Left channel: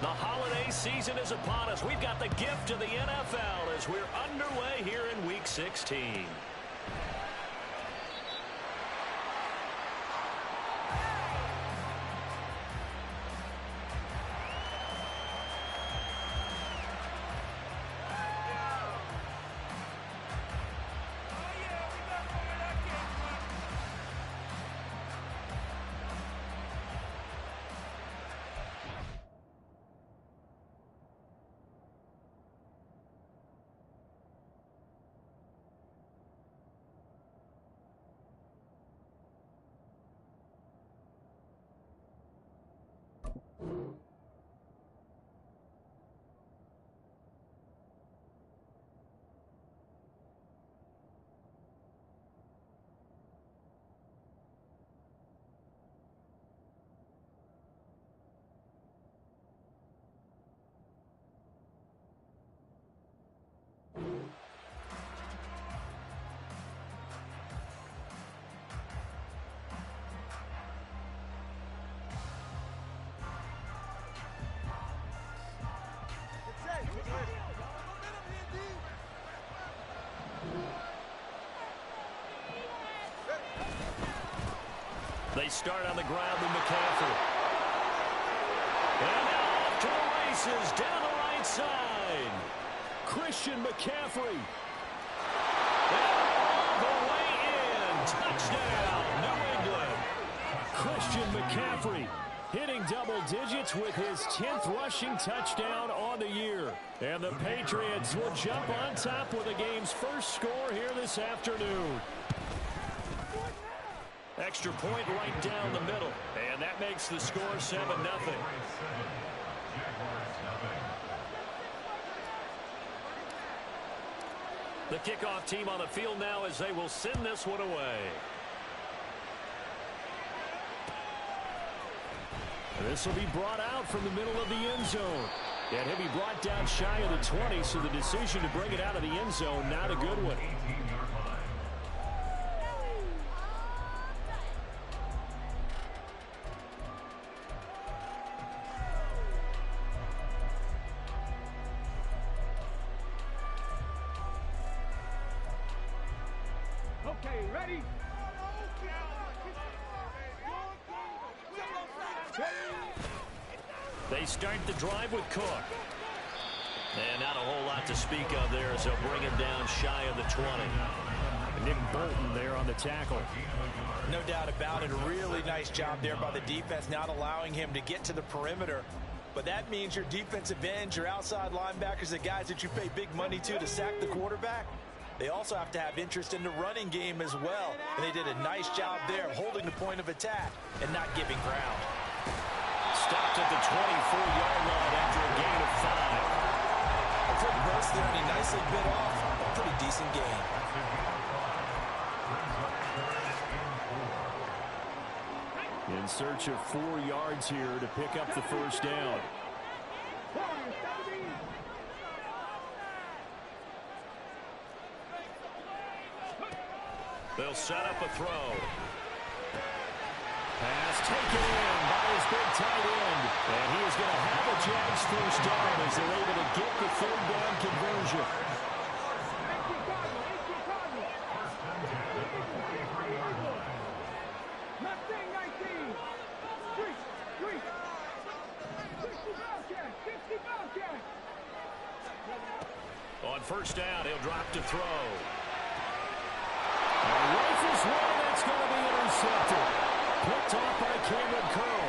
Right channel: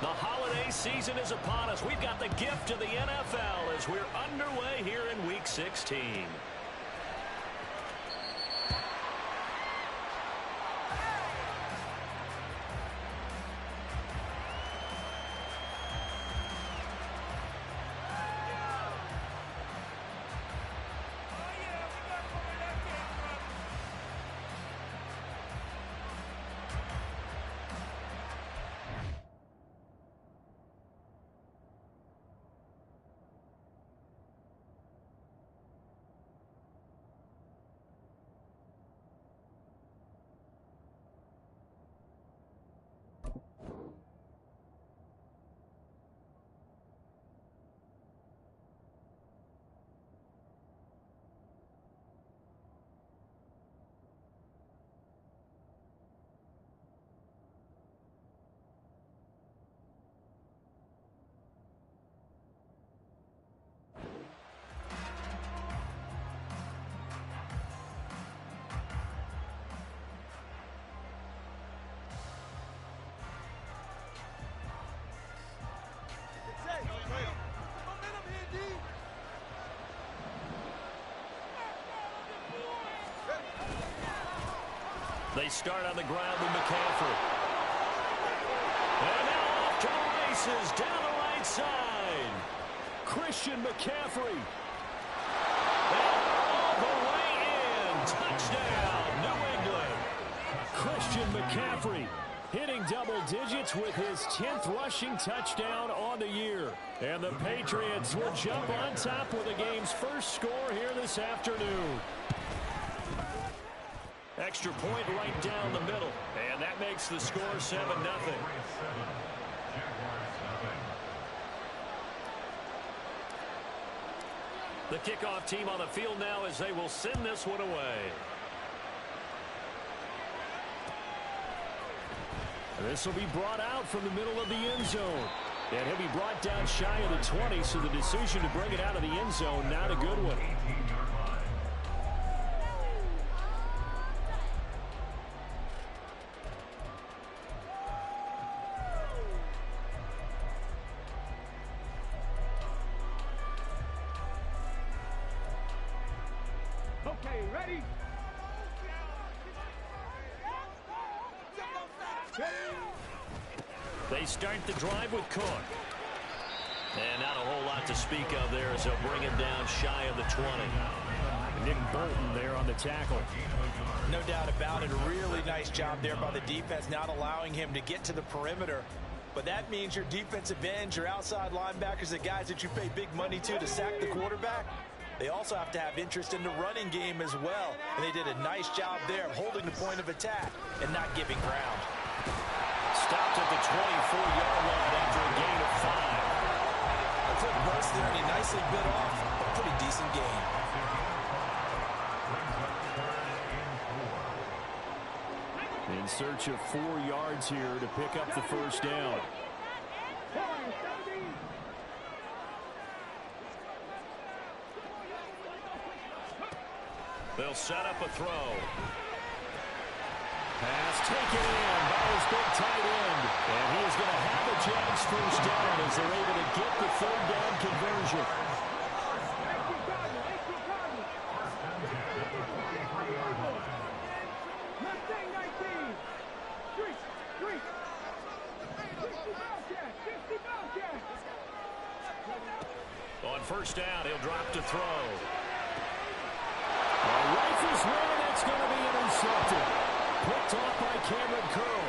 The holiday season is upon us. We've got the gift of the NFL as we're underway here in Week 16. They start on the ground with McCaffrey. And now off to the races down the right side. Christian McCaffrey. And all the way in. Touchdown, New England. Christian McCaffrey hitting double digits with his 10th rushing touchdown on the year. And the Patriots will jump on top with the game's first score here this afternoon. Extra point right down the middle. And that makes the score 7-0. The kickoff team on the field now as they will send this one away. And this will be brought out from the middle of the end zone. And he'll be brought down shy of the 20, so the decision to bring it out of the end zone, not a good one. Okay, ready? They start the drive with Cook. And not a whole lot to speak of there as they'll bring him down shy of the 20. Nick Bolton there on the tackle. No doubt about it. A really nice job there by the defense, not allowing him to get to the perimeter. But that means your defensive ends, your outside linebackers, the guys that you pay big money to sack the quarterback, they also have to have interest in the running game as well. And they did a nice job there of holding the point of attack and not giving ground. Stopped at the 24-yard line after a gain of 5. A quick burst there, and he nicely bit off a pretty decent gain. In search of 4 yards here to pick up the first down. They'll set up a throw. Pass taken in by his big tight end. And he is going to have a Jags first down as they're able to get the third down conversion. On first down, he'll drop to throw. Rifles one, and that's going to be intercepted. Picked off by Cameron Curl.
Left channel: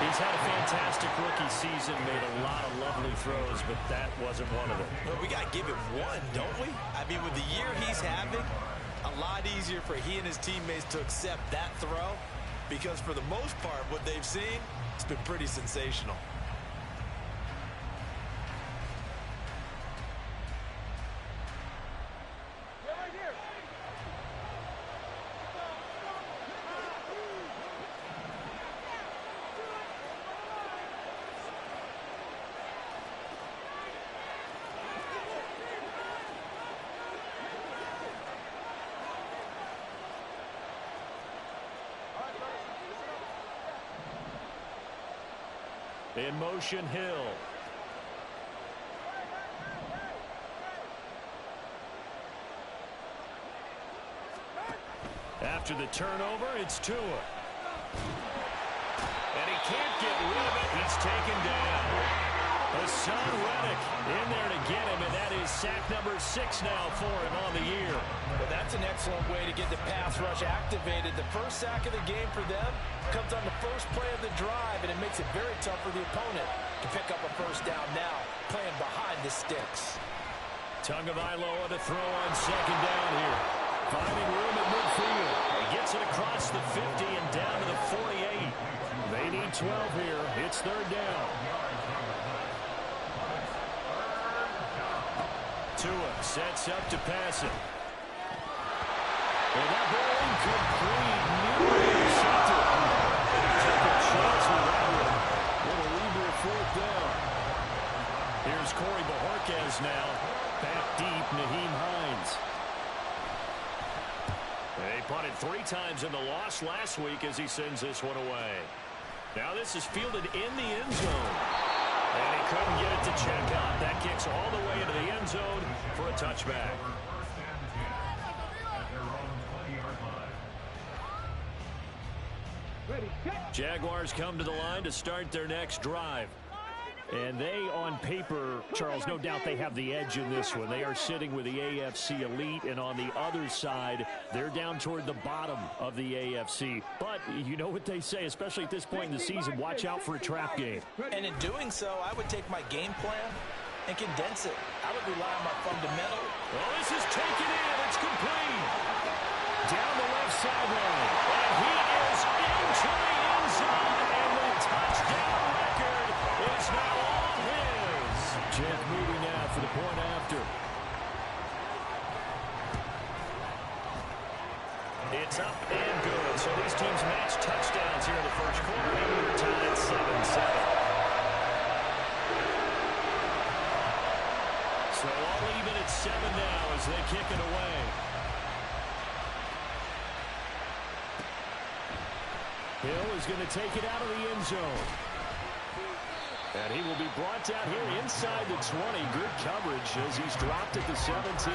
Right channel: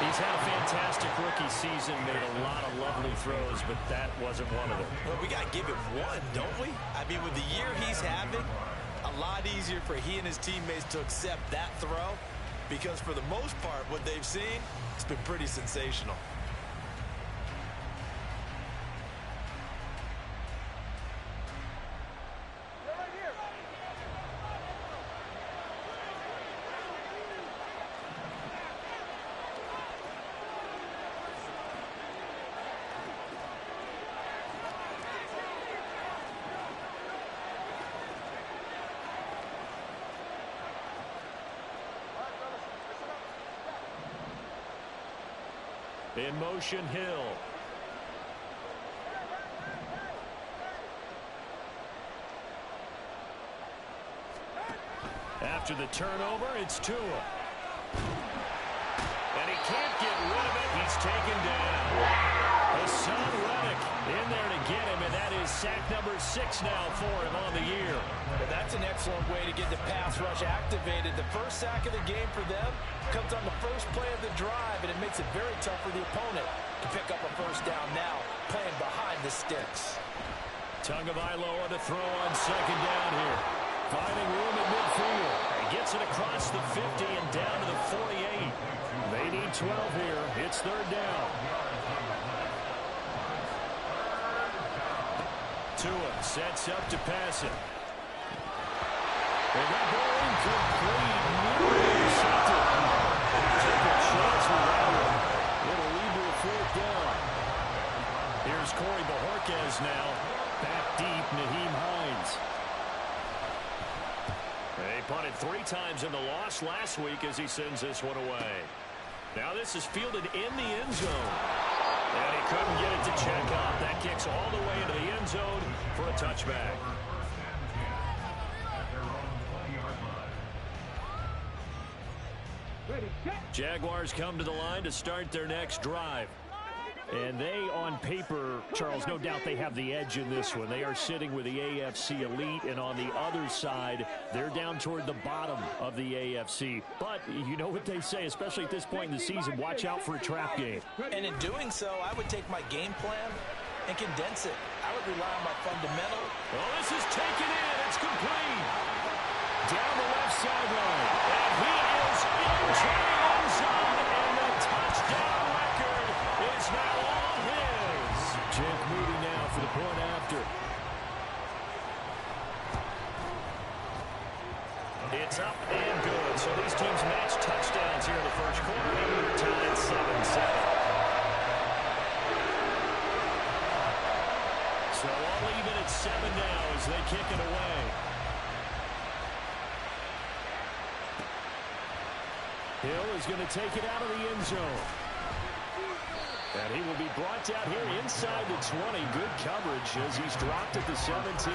He's had a fantastic rookie season, made a lot of lovely throws, but that wasn't one of them. Well, we got to give him one, don't we? I mean, with the year he's having, a lot easier for he and his teammates to accept that throw, because for the most part, what they've seen, it's been pretty sensational. In motion, Hill. After the turnover, it's Tua. And he can't get rid of it. He's taken down. Hassan Reddick in there to get him, and that is sack number 6 now for him on the year. Well, that's an excellent way to get the pass rush activated. The first sack of the game for them comes on the first play of the drive, and it makes it very tough for the opponent to pick up a first down now, playing behind the sticks. Tagovailoa to throw on second down here. Finding room at midfield. He gets it across the 50 and down to the 48. They need 12 here. It's third down. Tua sets up to pass it. And that ball incomplete. Nearly intercepted. Took a chance with that one. It'll lead to a fourth down. Here's Corey Bojorquez now. Back deep, Nyheim Hines. They punted 3 times in the loss last week as he sends this one away. Now this is fielded in the end zone. And he couldn't get it to check out. That kicks all the way into the end zone for a touchback. Jaguars come to the line to start their next drive. And they, on paper, Charles, no doubt they have the edge in this one. They are sitting with the AFC elite, and on the other side, they're down toward the bottom of the AFC. But you know what they say, especially at this point in the season, watch out for a trap game. And in doing so, I would take my game plan and condense it. I would rely on my fundamental. Oh, this is taken in. It's complete. Down the left sideline. And he is into the end zone, and the touchdown record is now all his. Jeff Moody now for the point after. It's up and good. So these teams match touchdowns here in the first quarter, and we're tied 7-7. So all even at 7 now as they kick it away. Hill is going to take it out of the end zone. And he will be brought down here inside the 20. Good coverage as he's dropped at the 17.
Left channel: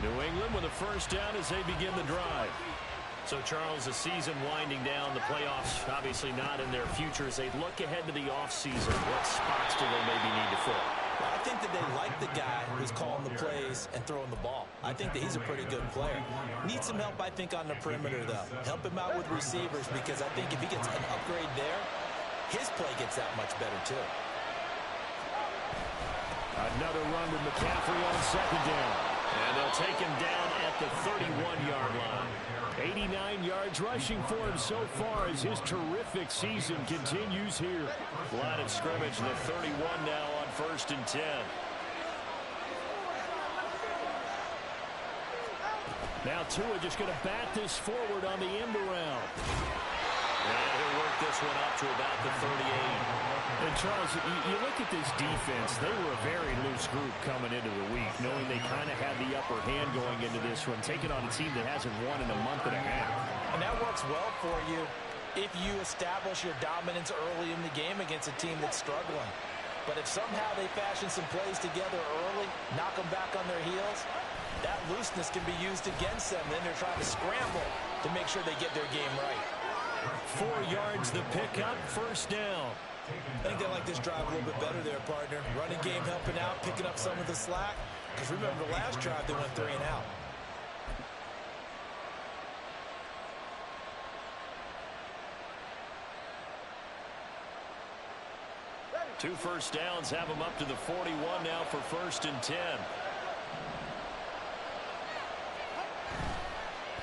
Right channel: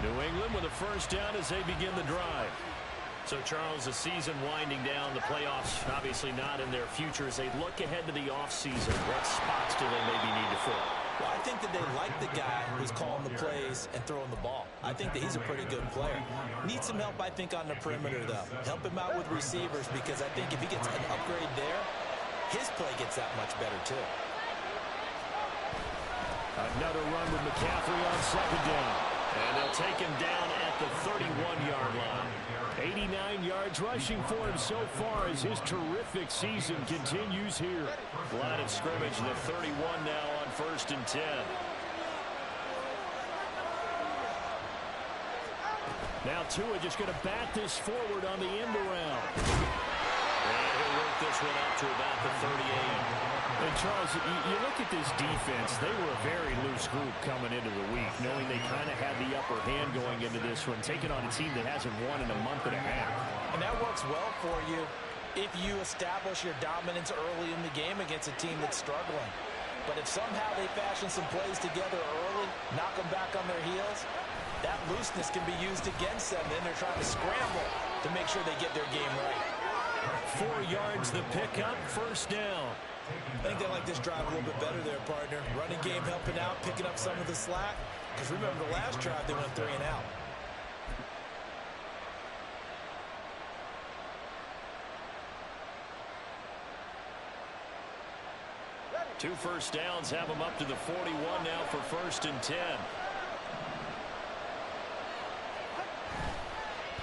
New England with a first down as they begin the drive. So, Charles, the season winding down, the playoffs obviously not in their future. As they look ahead to the offseason, what spots do they maybe need to fill? Well, I think that they like the guy who's calling the plays and throwing the ball. I think that he's a pretty good player. Needs some help, I think, on the perimeter, though. Help him out with receivers, because I think if he gets an upgrade there, his play gets that much better, too. Another run with McCaffrey on second down. And they'll take him down at the 31-yard line. 89 yards rushing for him so far as his terrific season continues here. Line of scrimmage, the 31 now on 1st and 10. Now Tua just going to bat this forward on the end around. And he'll work this one up to about the 38. And, Charles, you look at this defense, they were a very loose group coming into the week, knowing they kind of had the upper hand going into this one, taking on a team that hasn't won in a month and a half. And that works well for you if you establish your dominance early in the game against a team that's struggling. But if somehow they fashion some plays together early, knock them back on their heels, that looseness can be used against them. Then they're trying to scramble to make sure they get their game right. 4 yards the pickup, first down. I think they like this drive a little bit better there, partner. Running game helping out, picking up some of the slack. Because remember, the last drive they went 3 and out. Two first downs have them up to the 41 now for 1st and 10.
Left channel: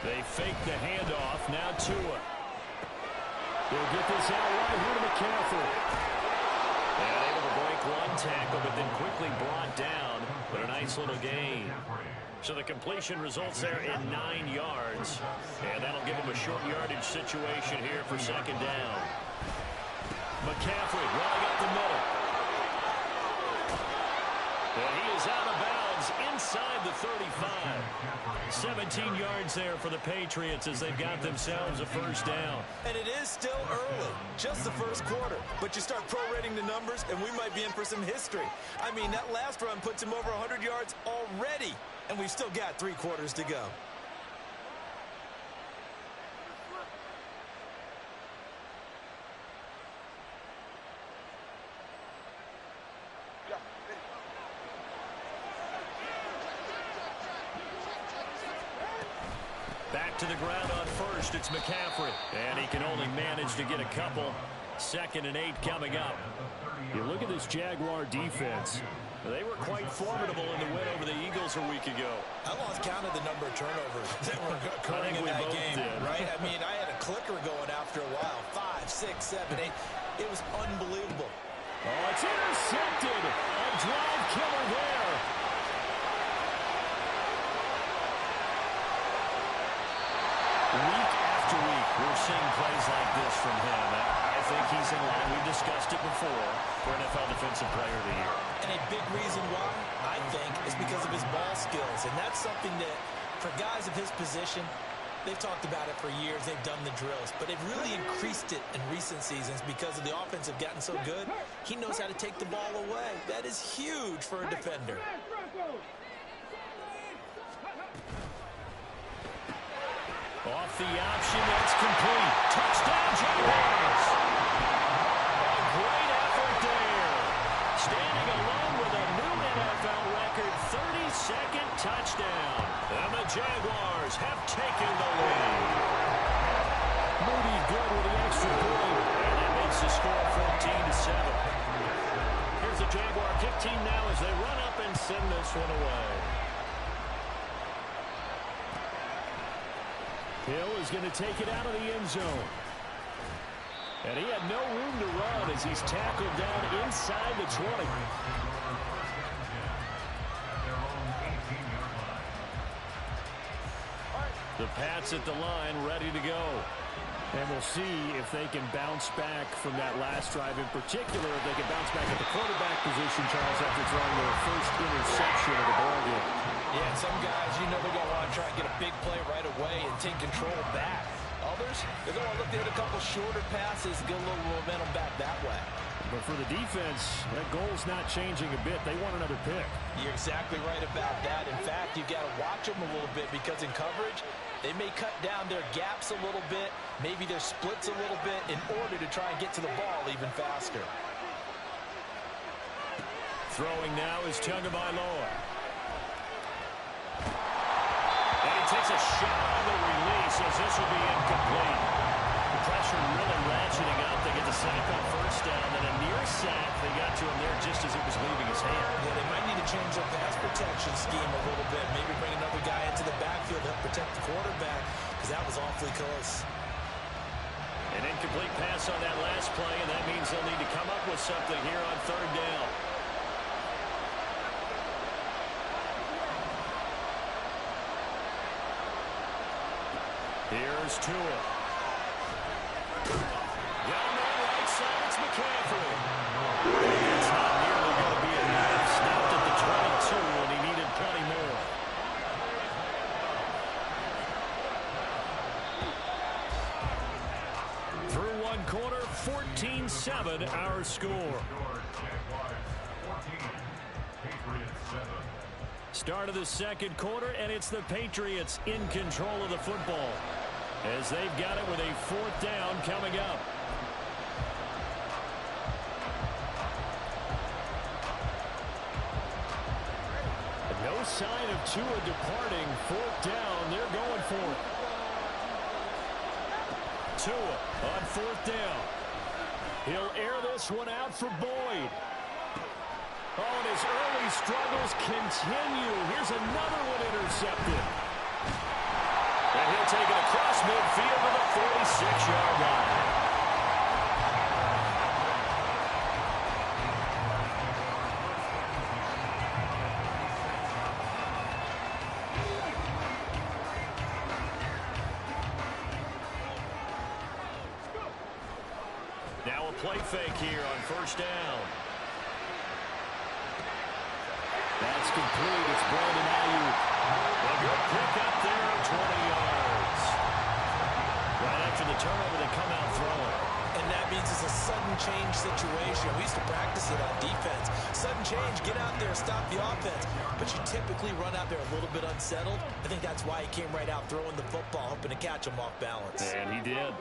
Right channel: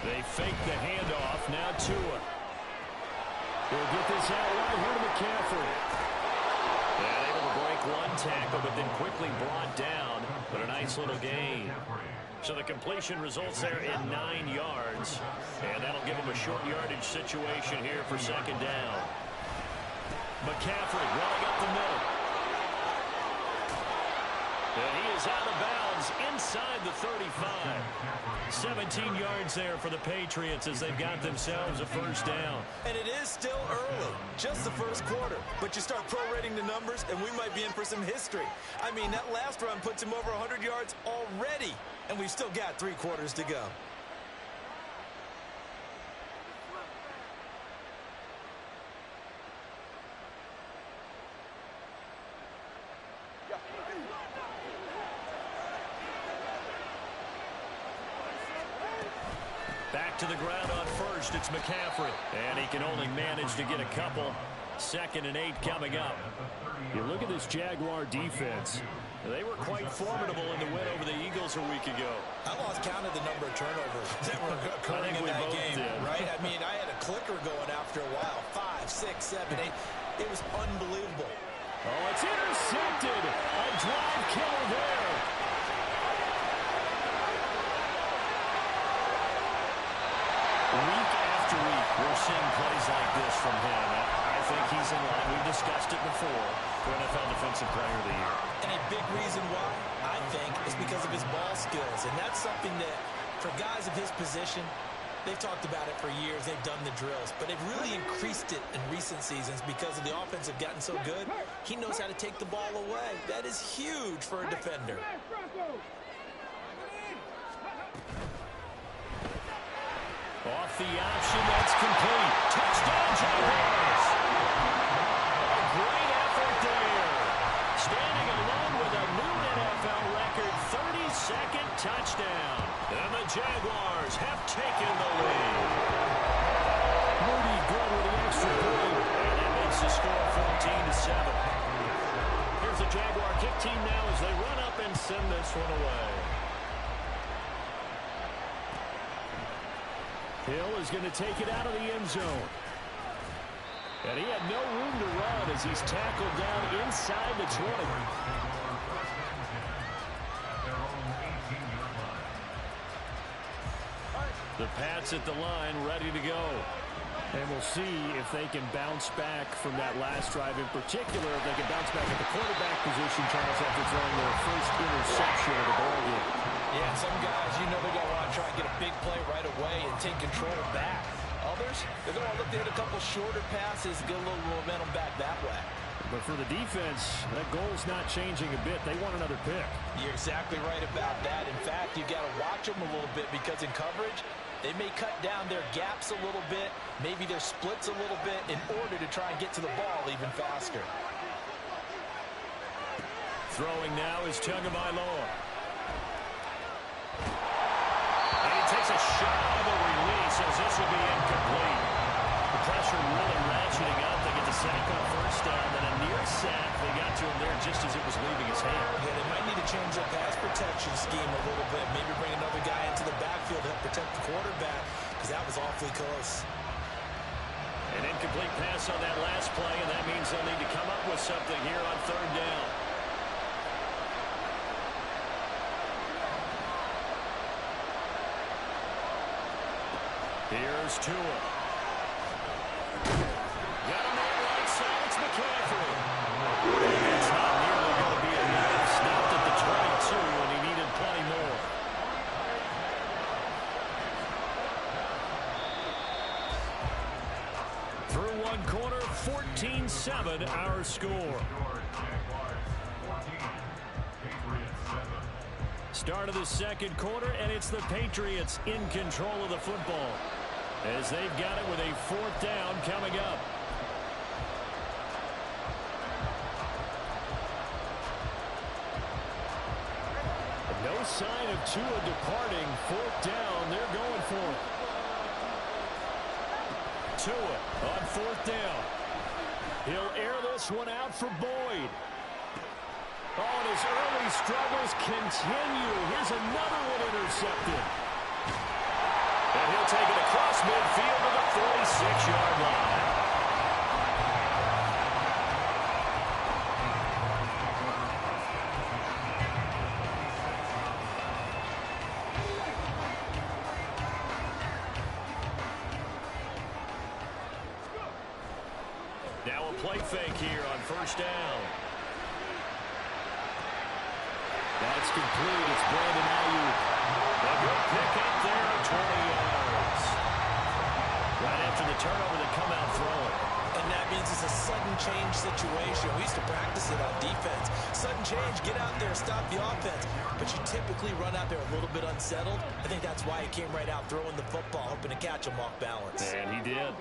They fake the handoff. Now Tua. He'll get this out right here to McCaffrey. And able to break one tackle, but then quickly brought down. But a nice little gain. So the completion results there in 9 yards. And that'll give them a short yardage situation here for 2nd down. McCaffrey running up the middle. And he is out of bounds inside the 35. 17 yards there for the Patriots as they've got themselves a first down. And it is still early, just the first quarter. But you start prorating the numbers, and we might be in for some history. I mean, that last run puts him over 100 yards already, and we've still got 3 quarters to go. Back to the ground on first, it's McCaffrey. And he can only manage to get a couple. 2nd and 8 coming up. You look at this Jaguar defense. They were quite formidable in the win over the Eagles a week ago. I lost count of the number of turnovers that were occurring in that game, right? I mean, I had a clicker going after a while. 5, 6, 7, 8. It was unbelievable. Oh, it's intercepted. A drive killer there. Week after week, we're seeing plays like this from him. I think he's in line. We've discussed it before for NFL Defensive Player of the Year. And a big reason why, I think, is because of his ball skills. And that's something that, for guys of his position, they've talked about it for years. They've done the drills. But they've really increased it in recent seasons because of the offense have gotten so good. He knows how to take the ball away. That is huge for a defender. Off the option, that's complete. Touchdown, Jaguars! A great effort there. Standing alone with a new NFL record, 32nd touchdown. And the Jaguars have taken the lead. Moody good with the extra point. And that makes the score 14-7. Here's the Jaguar kick team now as they run up and send this one away. Hill is going to take it out of the end zone. And he had no room to run as he's tackled down inside the 20. The Pats at the line, ready to go. And we'll see if they can bounce back from that last drive, in particular if they can bounce back at the quarterback position, Charles, after throwing their first interception of the ball game. Yeah, some guys, you know, they're going to want to try and get a big play right away and take control back. Others, they're going to look to hit a couple shorter passes, get a little momentum back that way. But for the defense, that goal's not changing a bit. They want another pick. You're exactly right about that. In fact, you've got to watch them a little bit because in coverage, they may cut down their gaps a little bit, maybe their splits a little bit in order to try and get to the ball even faster. Throwing now is Tagovailoa. And he takes a shot on the release as this will be incomplete. The pressure really ratcheting up. They get the sack on first down, then a near sack. They got to him there just as it was leaving his hand. Yeah, they might need to change their pass protection scheme a little bit. Maybe bring another guy into the backfield to help protect the quarterback because that was awfully close. An incomplete pass on that last play, and that means they'll need to come up with something here on third down. Here's Tua. Got a man right side. It's McCaffrey. It's not nearly going to be enough. Stopped at the 22, and he needed plenty more. Through one quarter, 14-7 our score. Start of the second quarter, and it's the Patriots in control of the football as they've got it with a fourth down coming up. No sign of Tua departing. Fourth down, they're going for it. Tua on fourth down. He'll air this one out for Boyd. Oh, and his early struggles continue. Here's another one intercepted. And he'll take it across midfield to the 46-yard line. Now a play fake here on first down. That's complete. It's Brandon Ayuk. A good pick up there at 20 yards. Right after the turnover, they come out throwing. And that means it's a sudden change situation. We used to practice it on defense. Sudden change, get out there, stop the offense. But you typically run out there a little bit unsettled. I think that's why he came right out throwing the football, hoping to catch him off balance. And he did.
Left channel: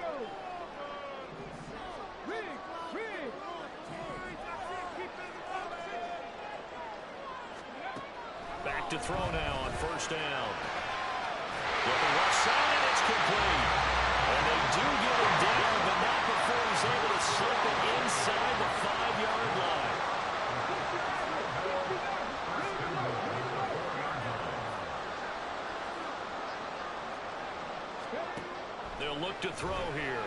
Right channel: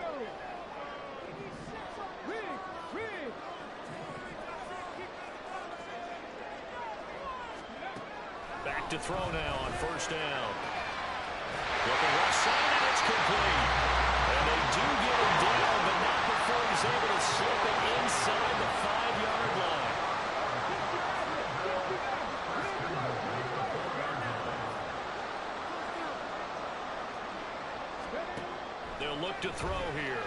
Back to throw now on first down. Looking left side, and it's complete. And they do get him down, but not before he's able to slip it inside the 5-yard line. They'll look to throw here.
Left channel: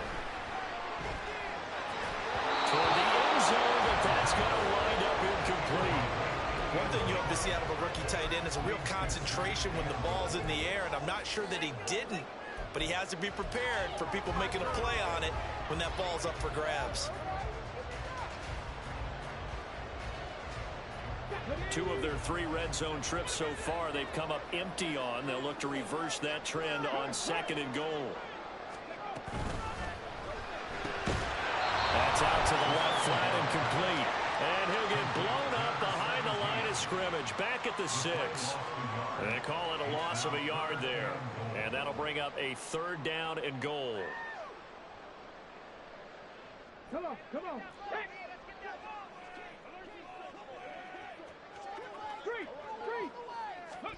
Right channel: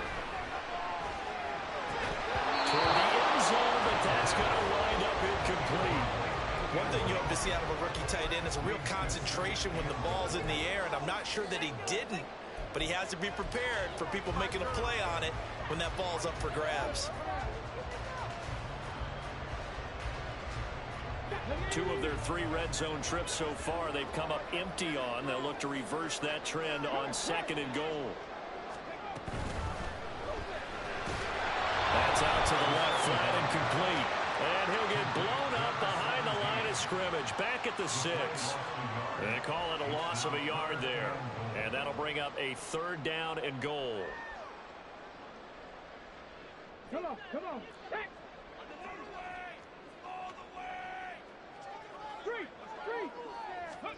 Toward the end zone, but that's going to wind up incomplete. One thing you hope to see out of a rookie tight end is a real concentration when the ball's in the air, and I'm not sure that he didn't, but he has to be prepared for people making a play on it when that ball's up for grabs. 2 of their 3 red zone trips so far they've come up empty on. They'll look to reverse that trend on 2nd and goal. That's out to the left, flat and complete. And he'll get blown up behind the line of scrimmage, back at the 6. They call it a loss of a yard there. And that'll bring up a 3rd down and goal. Come on, come on. Hey. Three. Got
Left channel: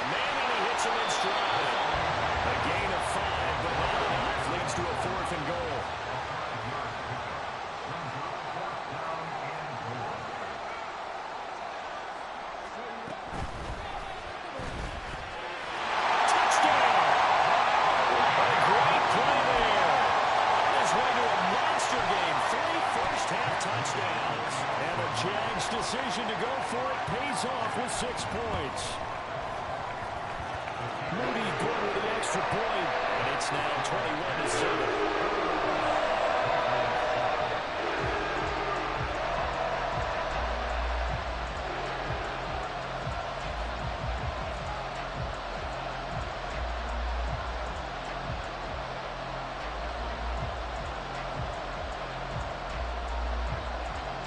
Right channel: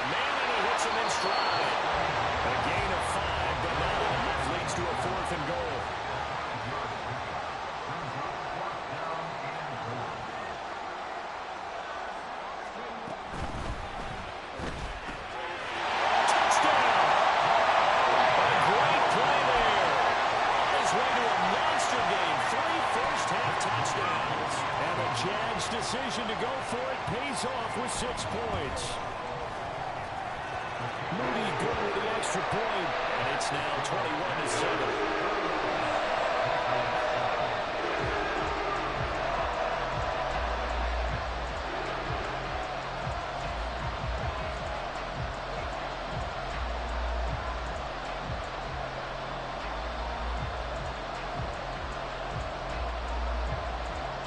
a man and he hits him in stride. A gain of 5, but not enough. Leads to a 4th and goal. Touchdowns. And the Jags' decision to go for it pays off with 6 points. Moody good with the extra point. And it's now 21-7.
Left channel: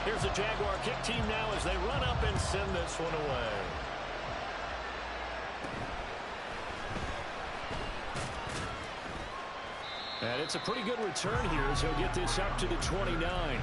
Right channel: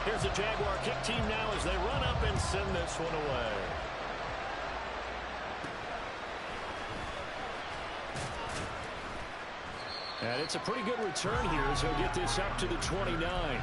Here's the Jaguar kick team now as they run up and send this one away. And it's a pretty good return here as he'll get this up to the 29.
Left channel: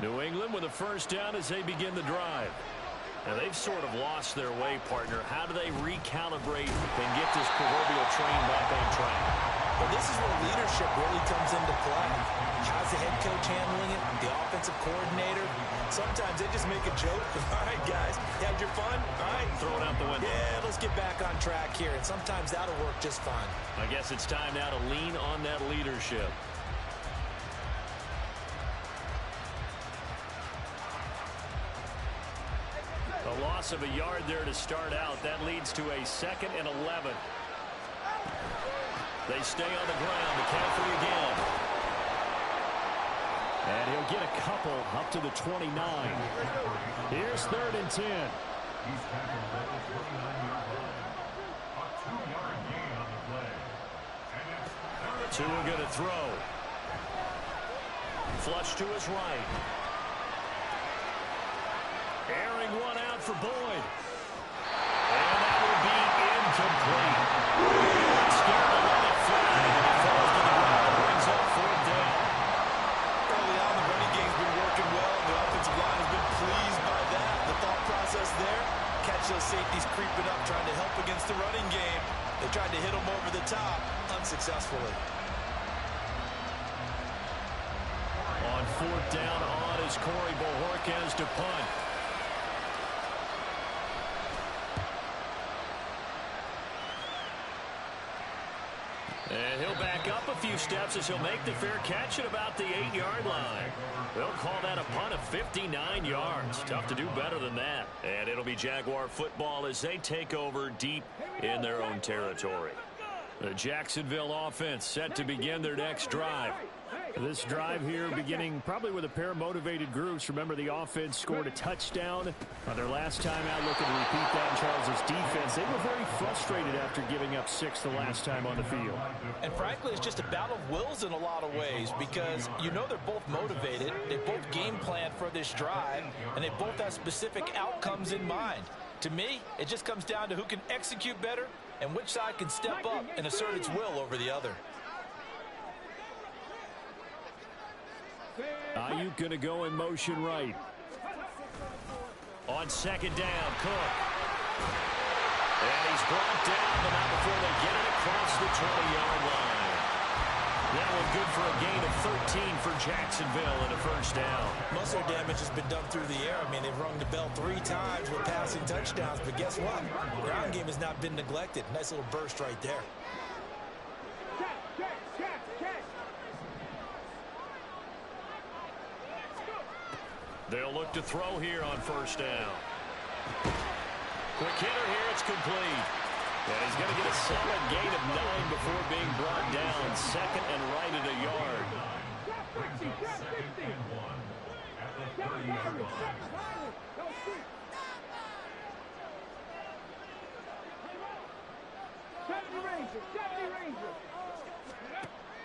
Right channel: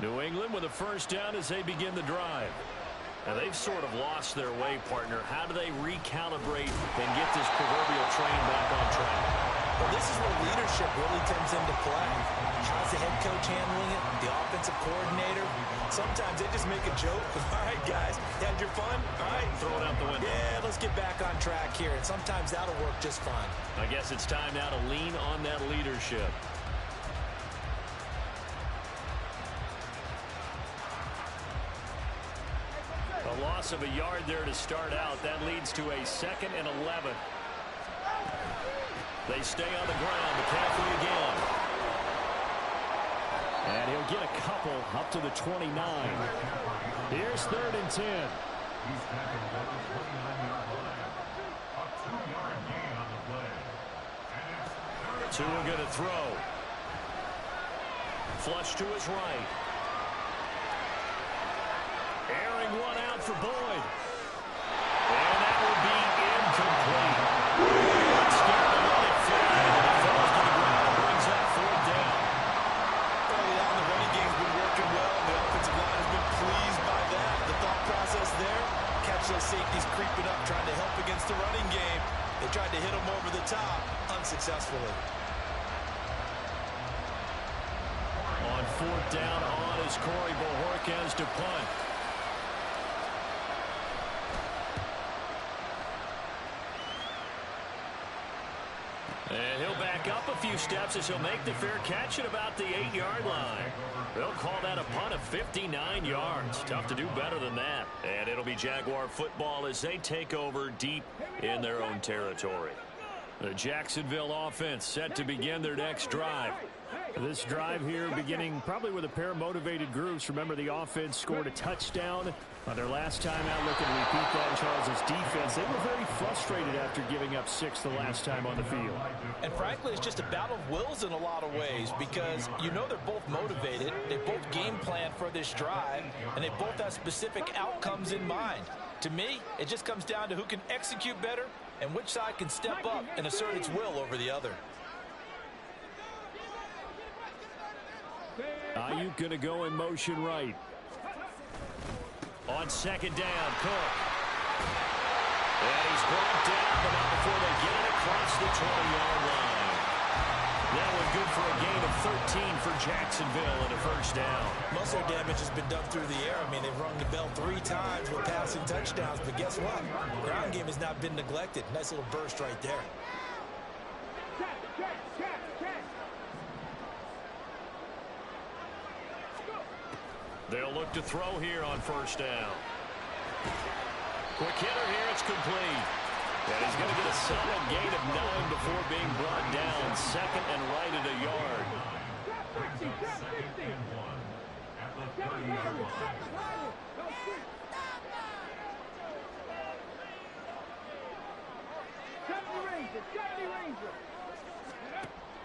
New England with a first down as they begin the drive. And they've sort of lost their way, partner. How do they recalibrate and get this proverbial train back on track? Well, this is where leadership really comes into play. How's the head coach handling it? The offensive coordinator? Sometimes they just make a joke. All right, guys, you had your fun? All right. Throw it out the window. Yeah, let's get back on track here. And sometimes that'll work just fine. I guess it's time now to lean on that leadership. A loss of a yard there to start out. That leads to a 2nd and 11. They stay on the ground. McCaffrey again. And he'll get a couple up to the 29. Here's 3rd and 10. Tua going to throw. Flush to his right. Airing one out for Boyd. And that will be incomplete. Scared to let it fly. And he falls to the ground and brings up 4th down. Early on, the running game's been working well, and the offensive line has been pleased by that. The thought process there, catch those safeties creeping up, trying to help against the running game. They tried to hit them over the top, unsuccessfully. On 4th down on is Corey Bojorquez to punt. he'll back up a few steps as he'll make the fair catch at about the 8-yard line. They'll call that a punt of 59 yards. Tough to do better than that. And it'll be Jaguar football as they take over deep in their own territory. The Jacksonville offense set to begin their next drive. This drive here beginning probably with a pair of motivated groups. Remember, the offense scored a touchdown on their last time out, looking to repeat that in Charles's defense. They were very frustrated after giving up 6 the last time on the field. And frankly, it's just a battle of wills in a lot of ways because you know they're both motivated. They both game plan for this drive, and they both have specific outcomes in mind. To me, it just comes down to who can execute better and which side can step up and assert its will over the other. Ayuk going to go in motion right. On second down, Cook. And he's brought down, but not before they get it across the 20-yard line. That one good for a gain of 13 for Jacksonville and a first down. Most of their damage has been done through the air. I mean, they've rung the bell 3 times with passing touchdowns, but guess what? The ground game has not been neglected. Nice little burst right there. They'll look to throw here on first down. Quick hitter here, it's complete. And he's going to get a solid gain of 9 before being brought down. Second and right at a yard.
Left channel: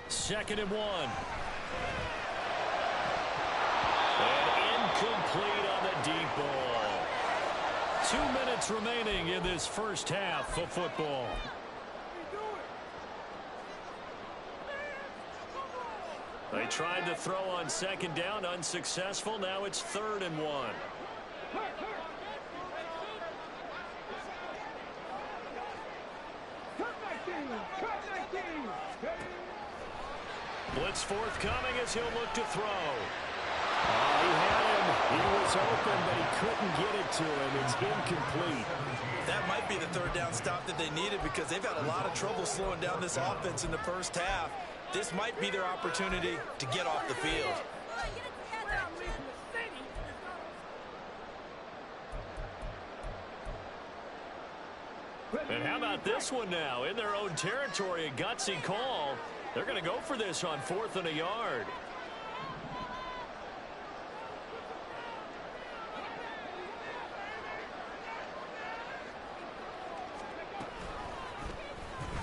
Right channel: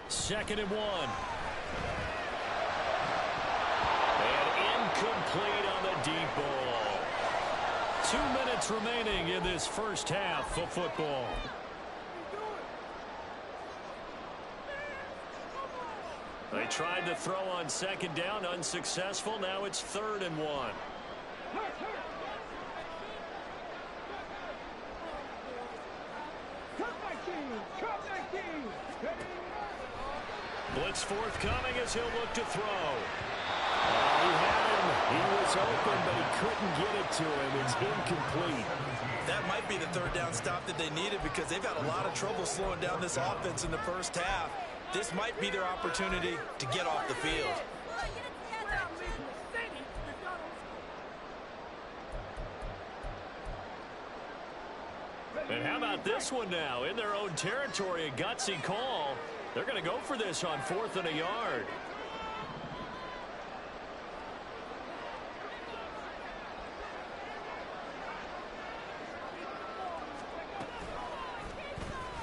Second and 1. And incomplete on the deep ball. 2 minutes remaining in this first half of football. They tried to throw on second down, unsuccessful. Now it's 3rd and 1. Blitz forthcoming as he'll look to throw. He had him. He was open, but he couldn't get it to him. It's incomplete. That might be the 3rd down stop that they needed because they've had a lot of trouble slowing down this offense in the first half. This might be their opportunity to get off the field. And how about this one now? In their own territory, a gutsy call. They're going to go for this on 4th and a yard.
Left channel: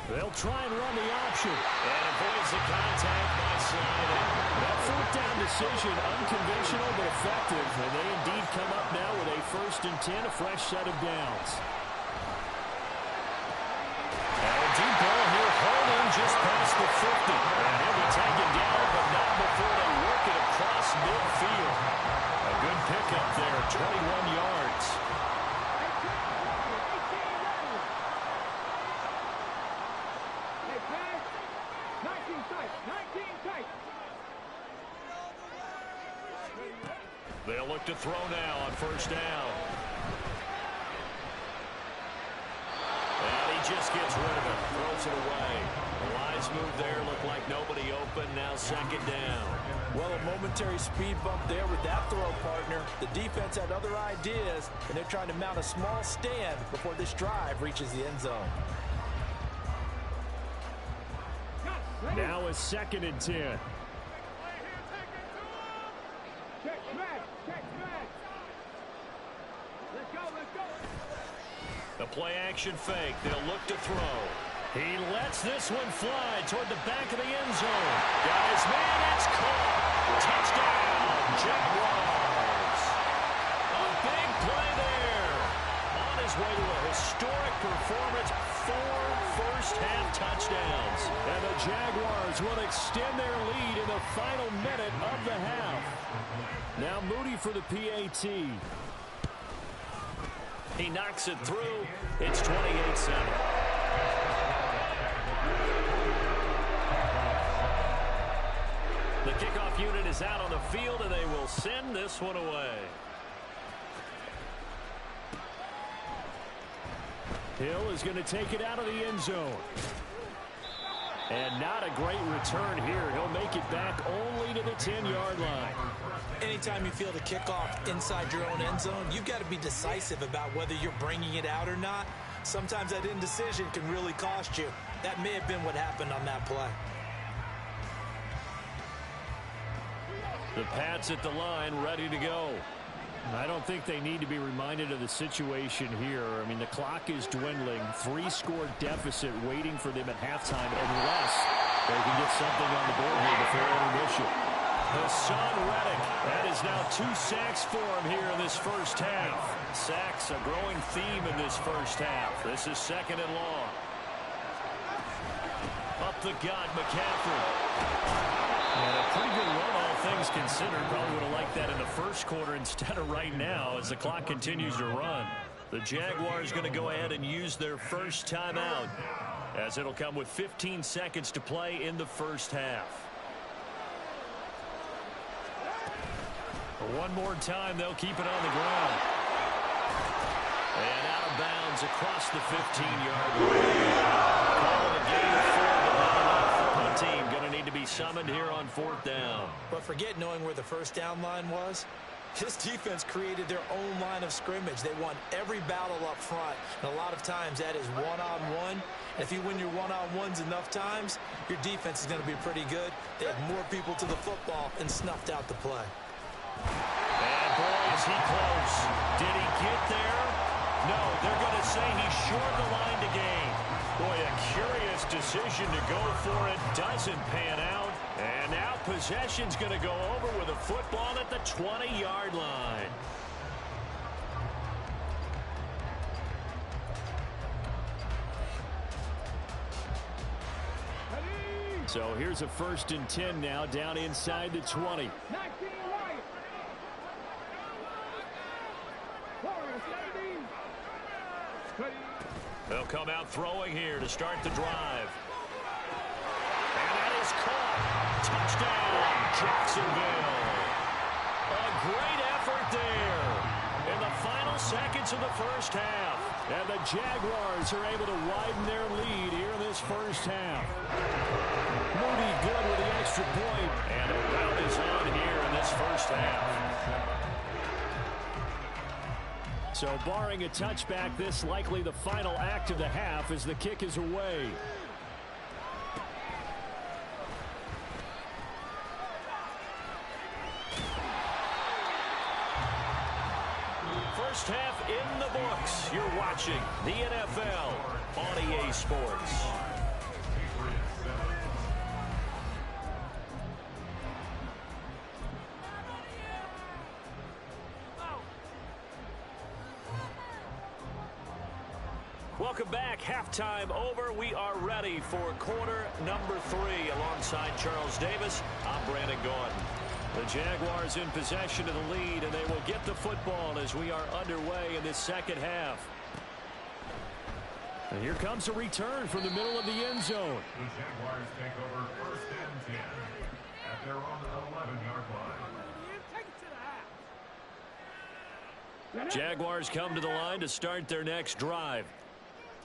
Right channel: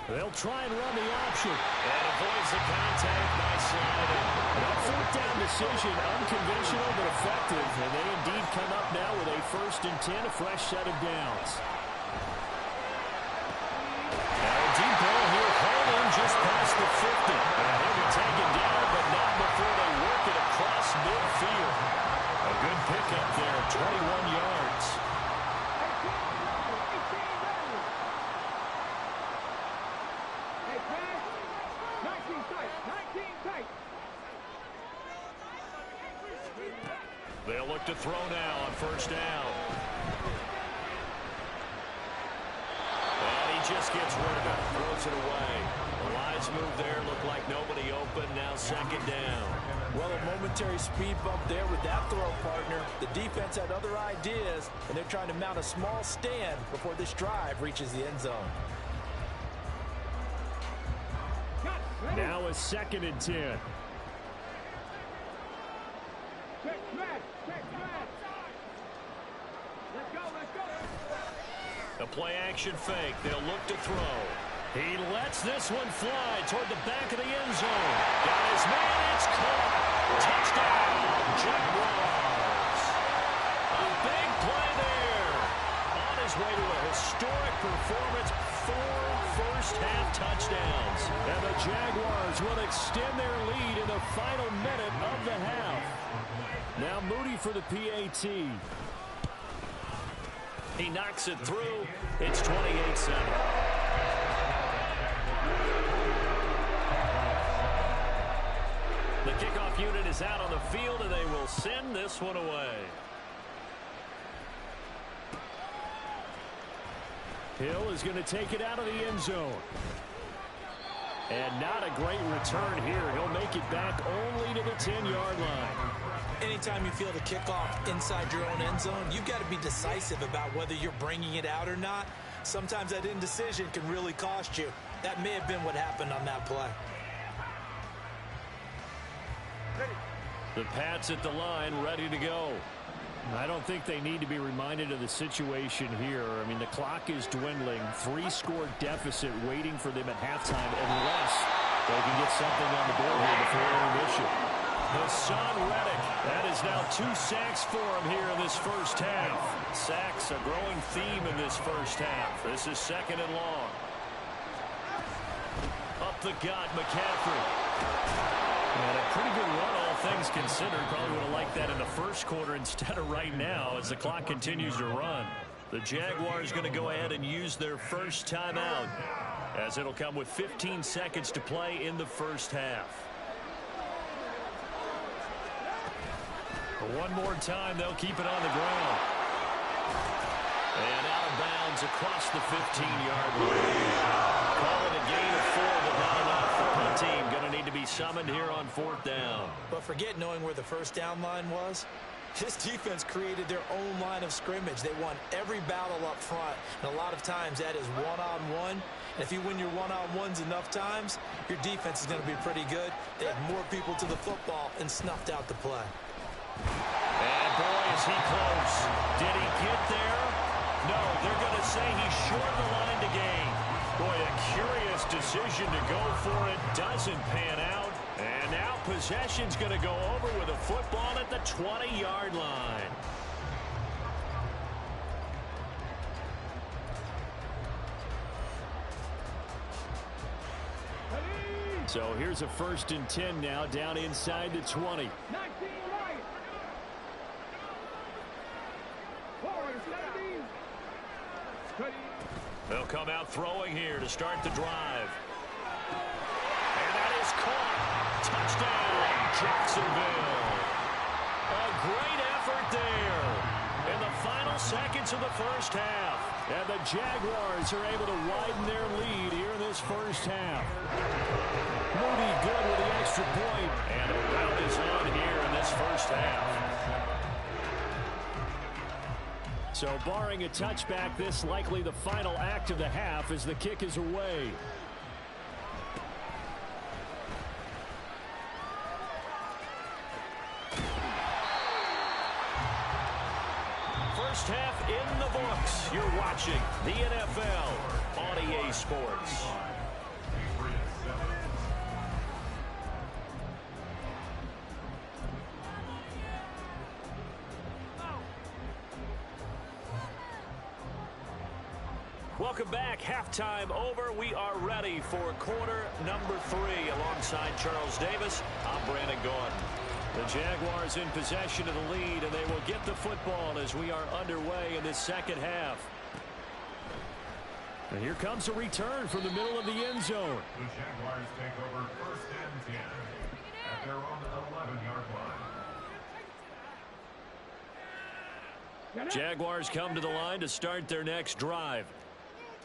They'll try and run the option. And avoids the contact by sliding. That 4th down decision, unconventional but effective. And they indeed come up now with a 1st and 10, a fresh set of downs. Now a deep ball here, holding just past the 50. And he'll be taken down, but not before they work it across midfield. A good pickup there, 21 yards. They'll look to throw now on first down. And he just gets rid of it, throws it away. The lines move there, look like nobody open, now second down. Well, a momentary speed bump there with that throw, partner. The defense had other ideas, and they're trying to mount a small stand before this drive reaches the end zone. Now a 2nd and 10. Check smash. Let's go. A play action fake. They'll look to throw. He lets this one fly toward the back of the end zone. Got his man. It's caught. Touchdown, Jaguars. A big play there. On his way to a historic performance. 4 first-half touchdowns. And the Jaguars will extend their lead in the final minute of the half. Now Moody for the PAT. He knocks it through. It's 28-7. The kickoff unit is out on the field, and they will send this one away. Hill is going to take it out of the end zone. And not a great return here. He'll make it back only to the 10-yard line. Anytime you feel the kickoff inside your own end zone, you've got to be decisive about whether you're bringing it out or not. Sometimes that indecision can really cost you. That may have been what happened on that play. The Pats at the line, ready to go. I don't think they need to be reminded of the situation here. I mean, the clock is dwindling. 3-score deficit waiting for them at halftime unless they can get something on the board here before intermission. Hassan Reddick, that is now 2 sacks for him here in this first half. Sacks, a growing theme in this first half. This is 2nd and long. Up the gut, McCaffrey. And a pretty good run, all things considered. Probably would have liked that in the first quarter instead of right now as the clock continues to run. The Jaguars going to go ahead and use their first timeout as it'll come with 15 seconds to play in the first half. One more time, they'll keep it on the ground. And out of bounds across the 15-yard line. Call it a gain of 4, but not enough. The punt team going to need to be summoned here on 4th down. But forget knowing where the first down line was. This defense created their own line of scrimmage. They won every battle up front, and a lot of times that is one-on-one. And if you win your one-on-ones enough times, your defense is going to be pretty good. They had more people to the football and snuffed out the play. And boy, is he close. Did he get there? No, they're going to say he's short of the line to gain. Boy, a curious decision to go for it. Doesn't pan out. And now possession's going to go over with a football at the 20-yard line. So here's a 1st and 10 now down inside the 20. 19 right. Forward, 70. They'll come out throwing here to start the drive. And that is caught. Touchdown, Jacksonville. A great effort there in the final seconds of the first half. And the Jaguars are able to widen their lead here in this first half. Moody good with the extra point. And a rout is on here in this first half. So barring a touchback, this likely the final act of the half as the kick is away. First half in the books. You're watching the NFL on EA Sports. Welcome back. Halftime over. We are ready for quarter number 3. Alongside Charles Davis, I'm Brandon Gaudin. The Jaguars in possession of the lead, and they will get the football as we are underway in this second half. And here comes a return from the middle of the end zone. The Jaguars take over 1st and 10 at their own 11-yard line. Jaguars come to the line to start their next drive.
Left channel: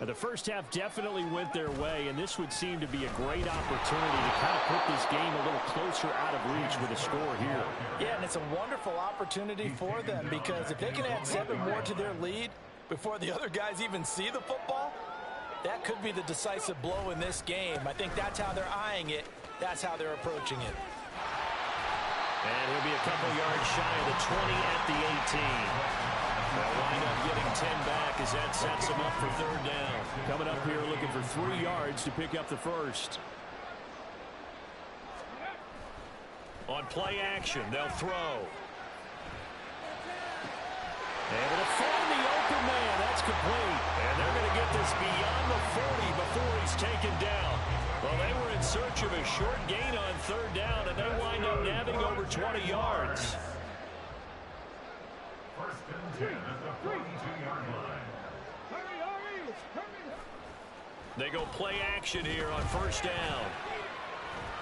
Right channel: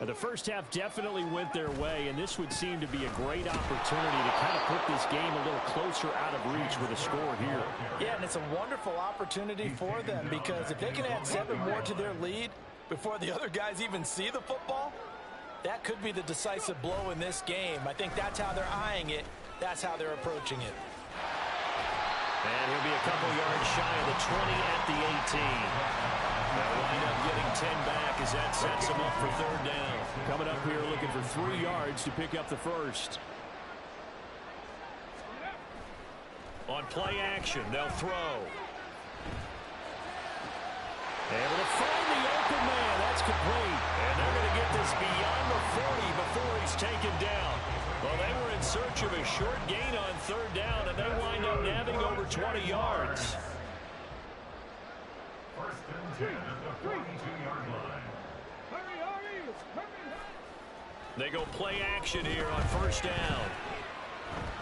The first half definitely went their way, and this would seem to be a great opportunity to kind of put this game a little closer out of reach with a score here. Yeah, and it's a wonderful opportunity for them because if they can add 7 more to their lead before the other guys even see the football, that could be the decisive blow in this game. I think that's how they're eyeing it. That's how they're approaching it. And he'll be a couple yards shy of the 20 at the 18. They'll wind up getting 10 back as that sets them up for 3rd down. Coming up here looking for 3 yards to pick up the first. On play action, they'll throw. Able to find the open man. That's complete. And they're going to get this beyond the 40 before he's taken down. Well, they were in search of a short gain on 3rd down, and they wind up nabbing over 20 yards. 1st and 10 at the 42-yard line. Hurry. They go play action here on 1st down.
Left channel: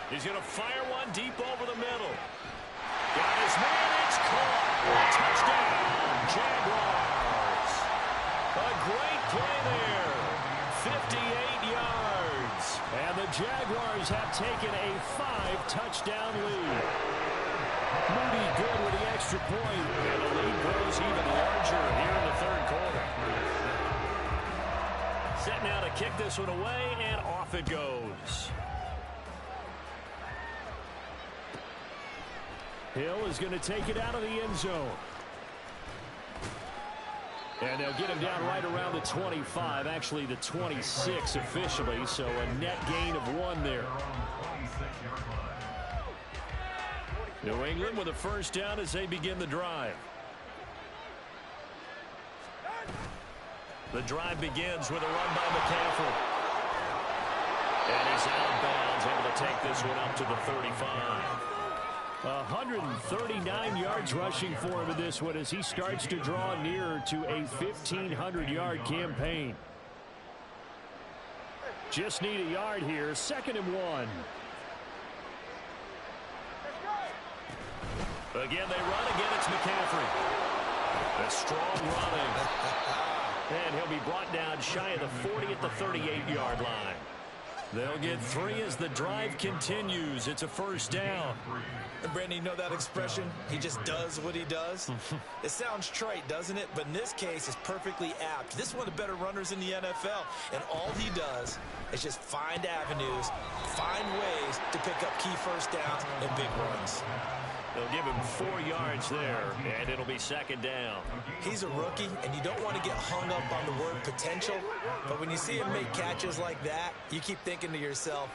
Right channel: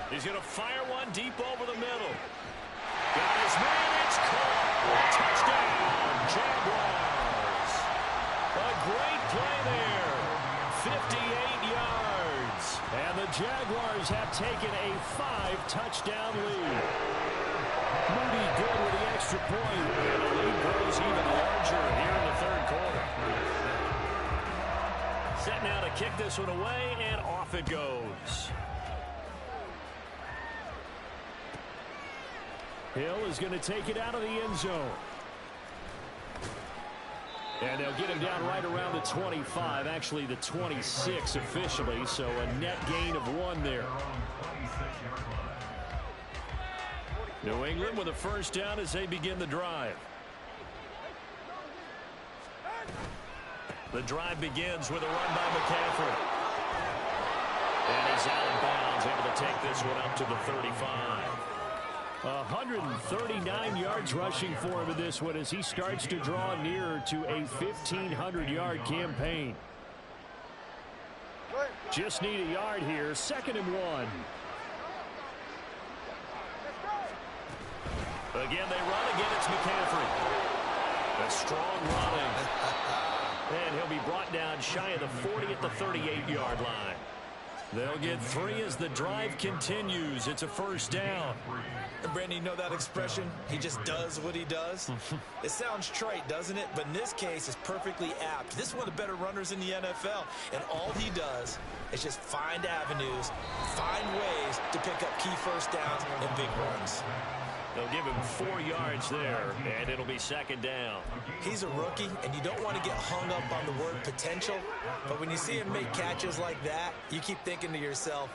He's going to fire one deep over the middle. Got his man. It's caught. Touchdown, Jaguars. A great play there. 58 yards. And the Jaguars taken a 5-touchdown lead. Moody good with the extra point, and the lead grows even larger here in the third quarter. Set now to kick this one away, and off it goes. Hill is going to take it out of the end zone. And they'll get him down right around the 25, actually the 26 officially, so a net gain of 1 there. New England with a first down as they begin the drive. The drive begins with a run by McCaffrey. And he's out of bounds, able to take this one up to the 35. 139 yards rushing for him in this one as he starts to draw nearer to a 1,500-yard campaign. Just need a yard here, 2nd and 1. Again, they run. Again, it's McCaffrey. A strong running. And he'll be brought down shy of the 40 at the 38-yard line. They'll get 3 as the drive continues. It's a first down. And Brandon, you know that expression? He just does what he does. It sounds trite, doesn't it? But in this case, it's perfectly apt. This is one of the better runners in the NFL. And all he does is just find avenues, find ways to pick up key first downs and big runs. They'll give him 4 yards there, and it'll be 2nd down. He's a rookie, and you don't want to get hung up on the word potential. But when you see him make catches like that, you keep thinking to yourself,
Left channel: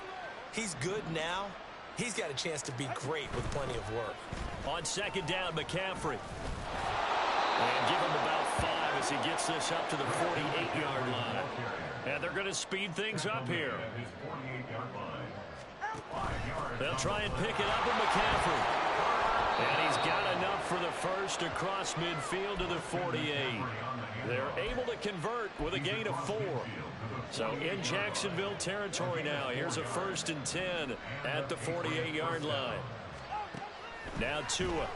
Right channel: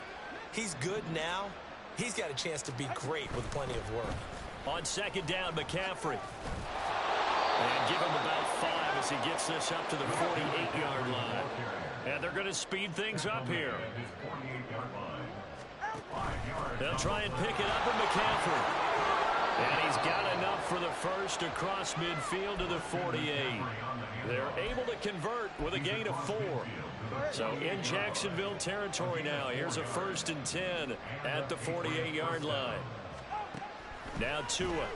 he's good now. He's got a chance to be great with plenty of work. On 2nd down, McCaffrey. And give him about 5 as he gets this up to the 48-yard line. And they're going to speed things up here. They'll try and pick it up with McCaffrey. And he's got enough for the first across midfield to the 48. They're able to convert with a gain of 4. So in Jacksonville territory now. Here's a 1st and 10 at the 48-yard line. Now Tua.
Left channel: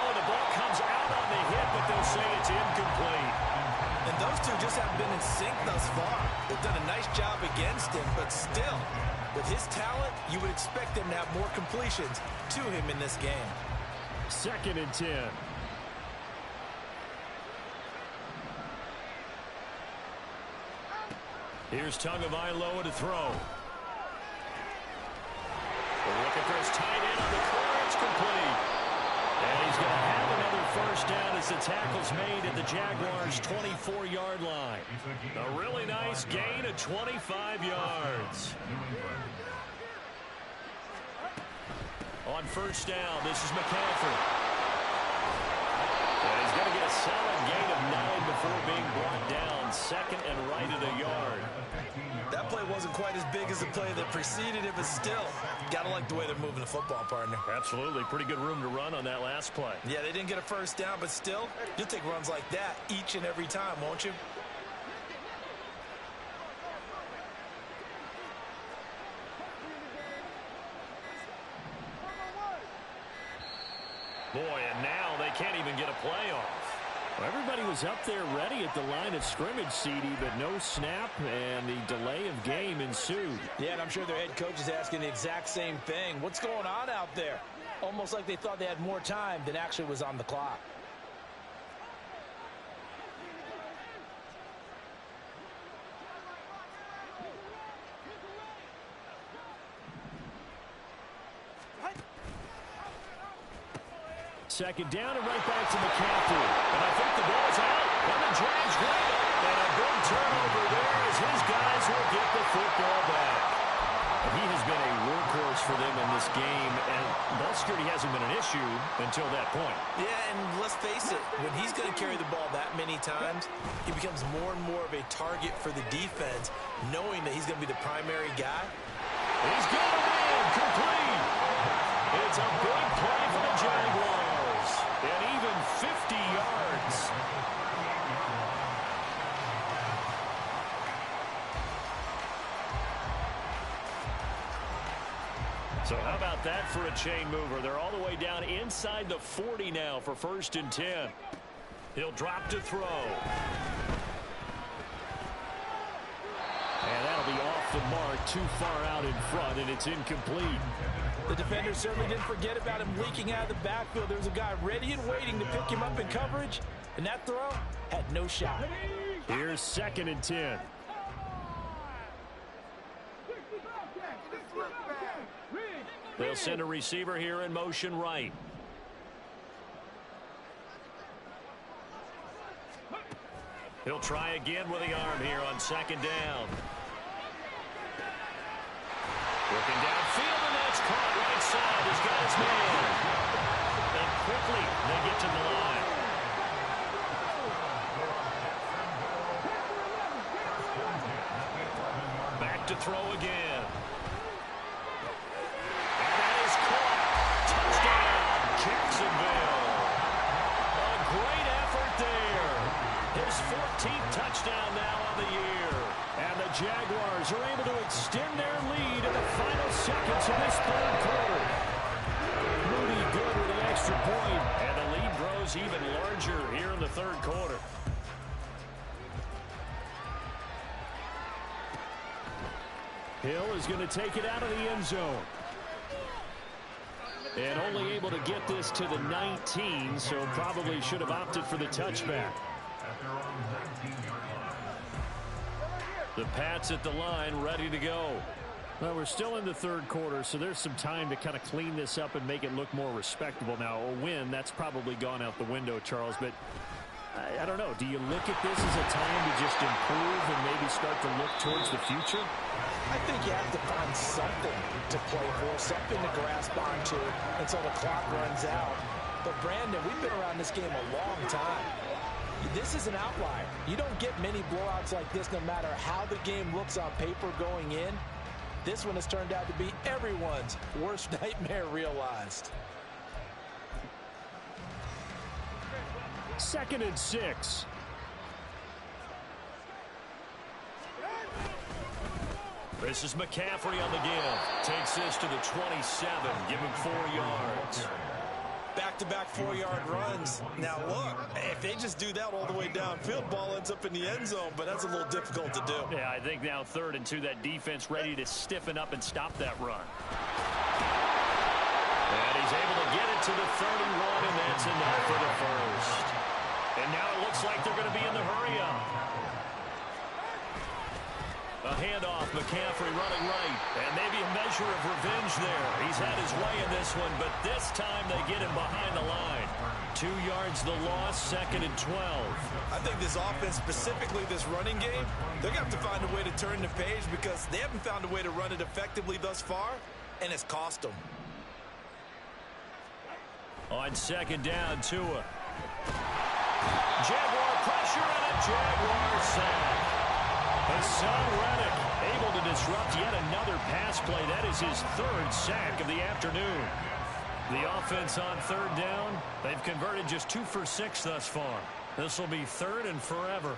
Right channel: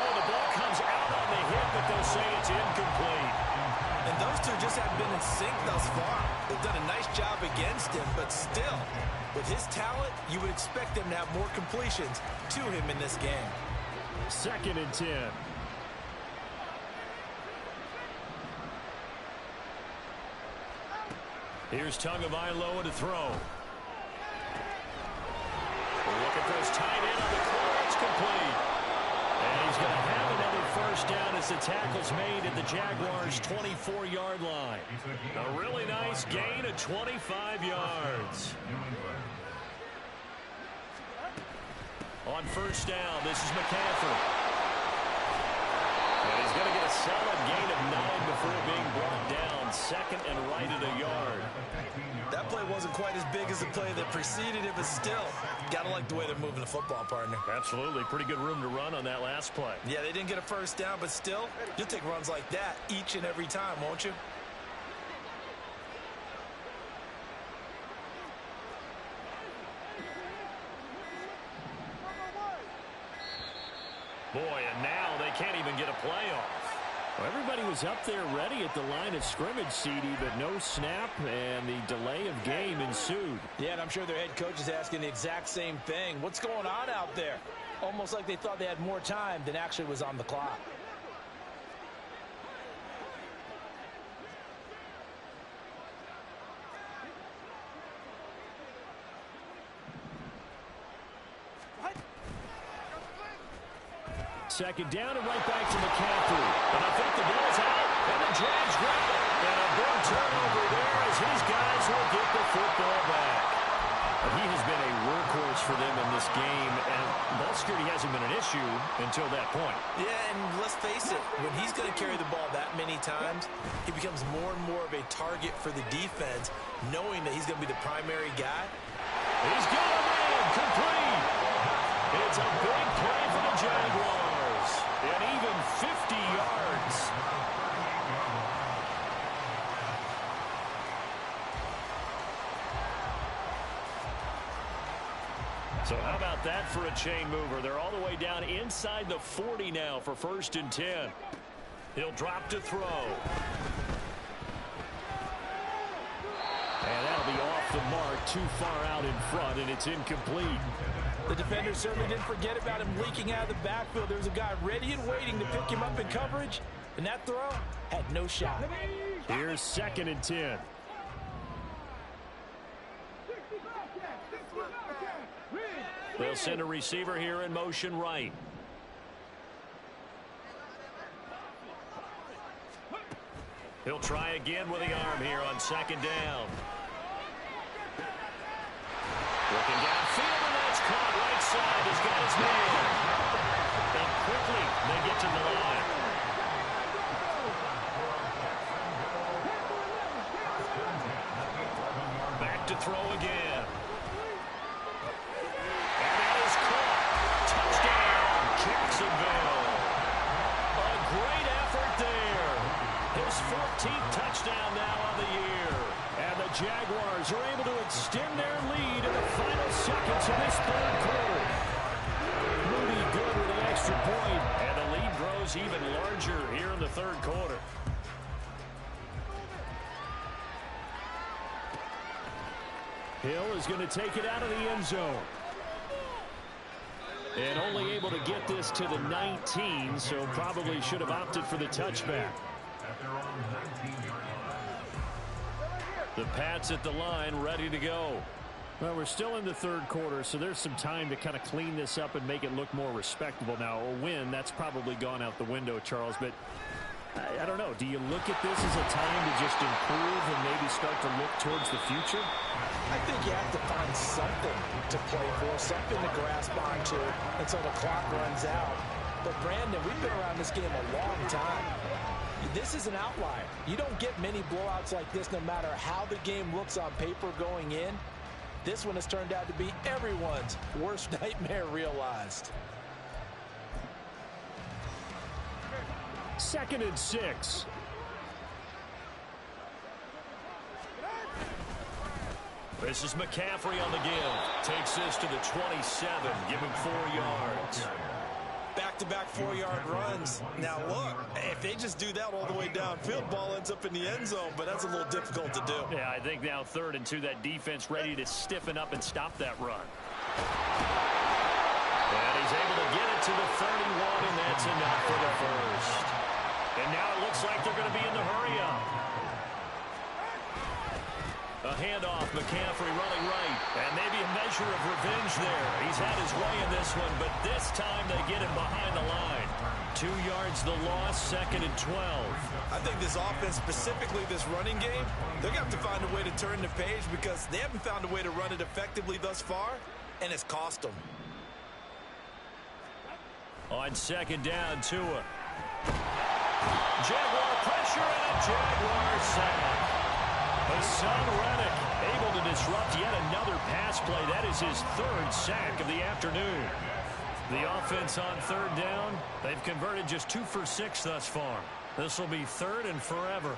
Oh, the ball comes out on the hit, but they'll say it's incomplete. And those two just haven't been in sync thus far. They've done a nice job against him, but still, with his talent, you would expect them to have more completions to him in this game. 2nd and 10. Here's Tagovailoa to throw. Looking for his tight end on the corner. It's complete. And he's going to have another first down as the tackle's made at the Jaguars' 24-yard line. A really nice gain of 25 yards. On first down, this is McCaffrey. And he's going to get a solid gain of 9 before being brought down. 2nd and right at a yard. That play wasn't quite as big as the play that preceded it, but still, got to like the way they're moving the football, partner. Absolutely. Pretty good room to run on that last play. Yeah, they didn't get a first down, but still, you'll take runs like that each and every time, won't you? Boy, and now they can't even get a play off. Well, everybody was up there ready at the line of scrimmage, CD, but no snap, and the delay of game ensued. Yeah, and I'm sure their head coach is asking the exact same thing. What's going on out there? Almost like they thought they had more time than actually was on the clock. Second down and right back to McCaffrey. And I think the ball's out. And the Jags grab it. And a big turnover there as his guys will get the football back. And he has been a workhorse for them in this game. And ball security hasn't been an issue until that point. Yeah, and let's face it. When he's going to carry the ball that many times, he becomes more and more of a target for the defense, knowing that he's going to be the primary guy. He's got him in. Complete. It's a big play for the Jaguars. And even 50 yards. So how about that for a chain mover? They're all the way down inside the 40 now for 1st and 10. He'll drop to throw. And that'll be off the mark, too far out in front, and it's incomplete. The defender certainly didn't forget about him leaking out of the backfield. There was a guy ready and waiting to pick him up in coverage, and that throw had no shot. Here's 2nd and 10. They'll send a receiver here in motion right. He'll try again with the arm here on 2nd down. Looking downfield, and that's caught right side. He's got his man. And quickly, they get to the line. Back to throw again. And that is caught. Touchdown, Jacksonville. A great effort there. His 14th touchdown now on the year. And the Jaguars are able to extend their lead in the final seconds of this 3rd quarter. Moody good with the extra point, and the lead grows even larger here in the 3rd quarter. Hill is going to take it out of the end zone. And only able to get this to the 19, so probably should have opted for the touchback. At their own 19-yard line. The Pats at the line, ready to go. Well, we're still in the 3rd quarter, so there's some time to kind of clean this up and make it look more respectable. Now, a win, that's probably gone out the window, Charles, but I don't know. Do you look at this as a time to just improve and maybe start to look towards the future? I think you have to find something to play for, something to grasp onto until the clock runs out. But, Brandon, we've been around this game a long time. This is an outlier. You don't get many blowouts like this no matter how the game looks on paper going in. This one has turned out to be everyone's worst nightmare realized. 2nd and 6. This is McCaffrey on the give. Takes this to the 27. Give him 4 yards. Back-to-back 4-yard runs. Now, look, if they just do that all the way downfield, ball ends up in the end zone, but that's a little difficult to do. Yeah, I think now 3rd and 2, that defense ready to stiffen up and stop that run. And he's able to get it to the 31, and that's enough for the 1st. And now it looks like they're going to be in the hurry-up. A handoff, McCaffrey running right, and maybe a measure of revenge there. He's had his way in this one, but this time they get him behind the line. 2 yards the loss, 2nd and 12. I think this offense, specifically this running game, they're going to have to find a way to turn the page because they haven't found a way to run it effectively thus far, and it's cost them. On 2nd down, Tua. Jaguar pressure and a Jaguar sack. Hassan Reddick able to disrupt yet another pass play. That is his 3rd sack of the afternoon. The offense on 3rd down, they've converted just 2 for 6 thus far. This will be 3rd and forever.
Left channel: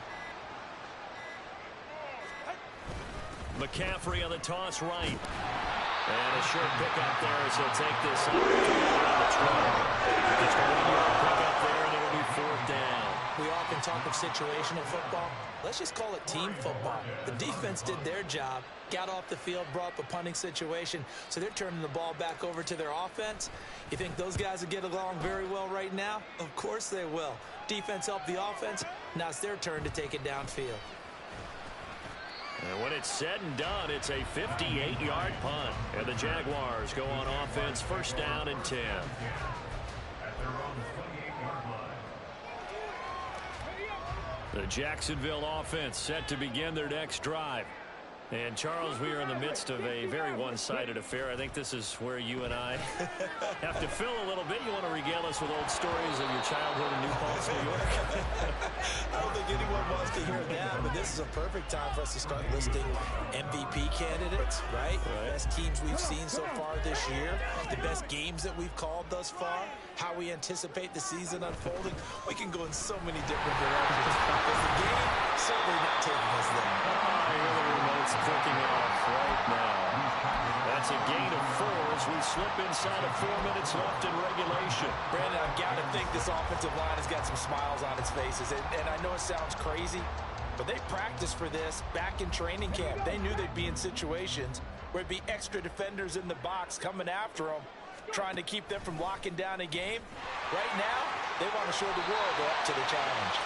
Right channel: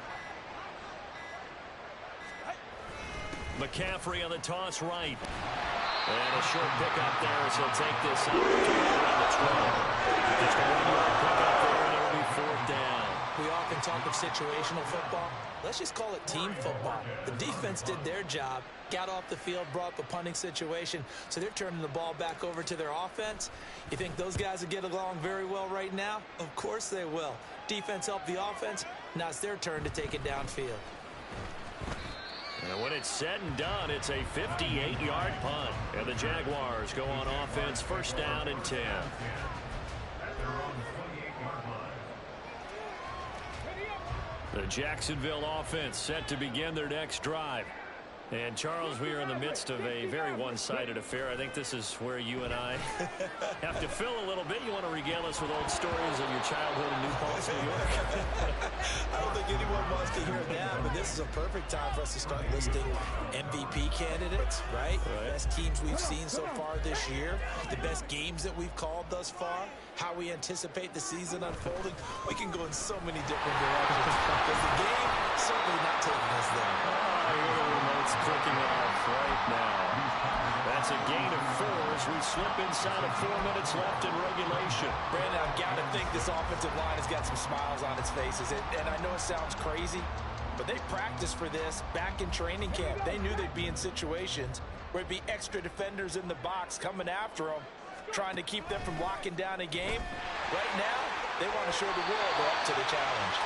McCaffrey on the toss right. And a short pickup there as he'll take this up around the 12. Just a 1-yard pickup there, and it'll be 4th down. We often talk of situational football. Let's just call it team football. The defense did their job, got off the field, brought up a punting situation, so they're turning the ball back over to their offense. You think those guys will get along very well right now? Of course they will. Defense helped the offense. Now it's their turn to take it downfield. And when it's said and done, it's a 58-yard punt. And the Jaguars go on offense, 1st down and 10. At their own 28-yard line. The Jacksonville offense set to begin their next drive. And, Charles, we are in the midst of a very one-sided affair. I think this is where you and I have to fill a little bit. You want to regale us with old stories of your childhood in New Paltz, New York? I don't think anyone wants to hear that, but this is a perfect time for us to start listing MVP candidates, right? The best teams we've seen so far this year, the best games that we've called thus far, how we anticipate the season unfolding. We can go in so many different directions. But the game certainly not taking us there. Oh, I hear the remote's clicking off right now. That's a gain of 4 as we slip inside of 4 minutes left in regulation. Brandon, I've got to think this offensive line has got some smiles on its faces. And I know it sounds crazy, But they practiced for this back in training camp. They knew they'd be in situations where it'd be extra defenders in the box coming after them, trying to keep them from locking down a game. Right now, they want to show the world they're up to the challenge.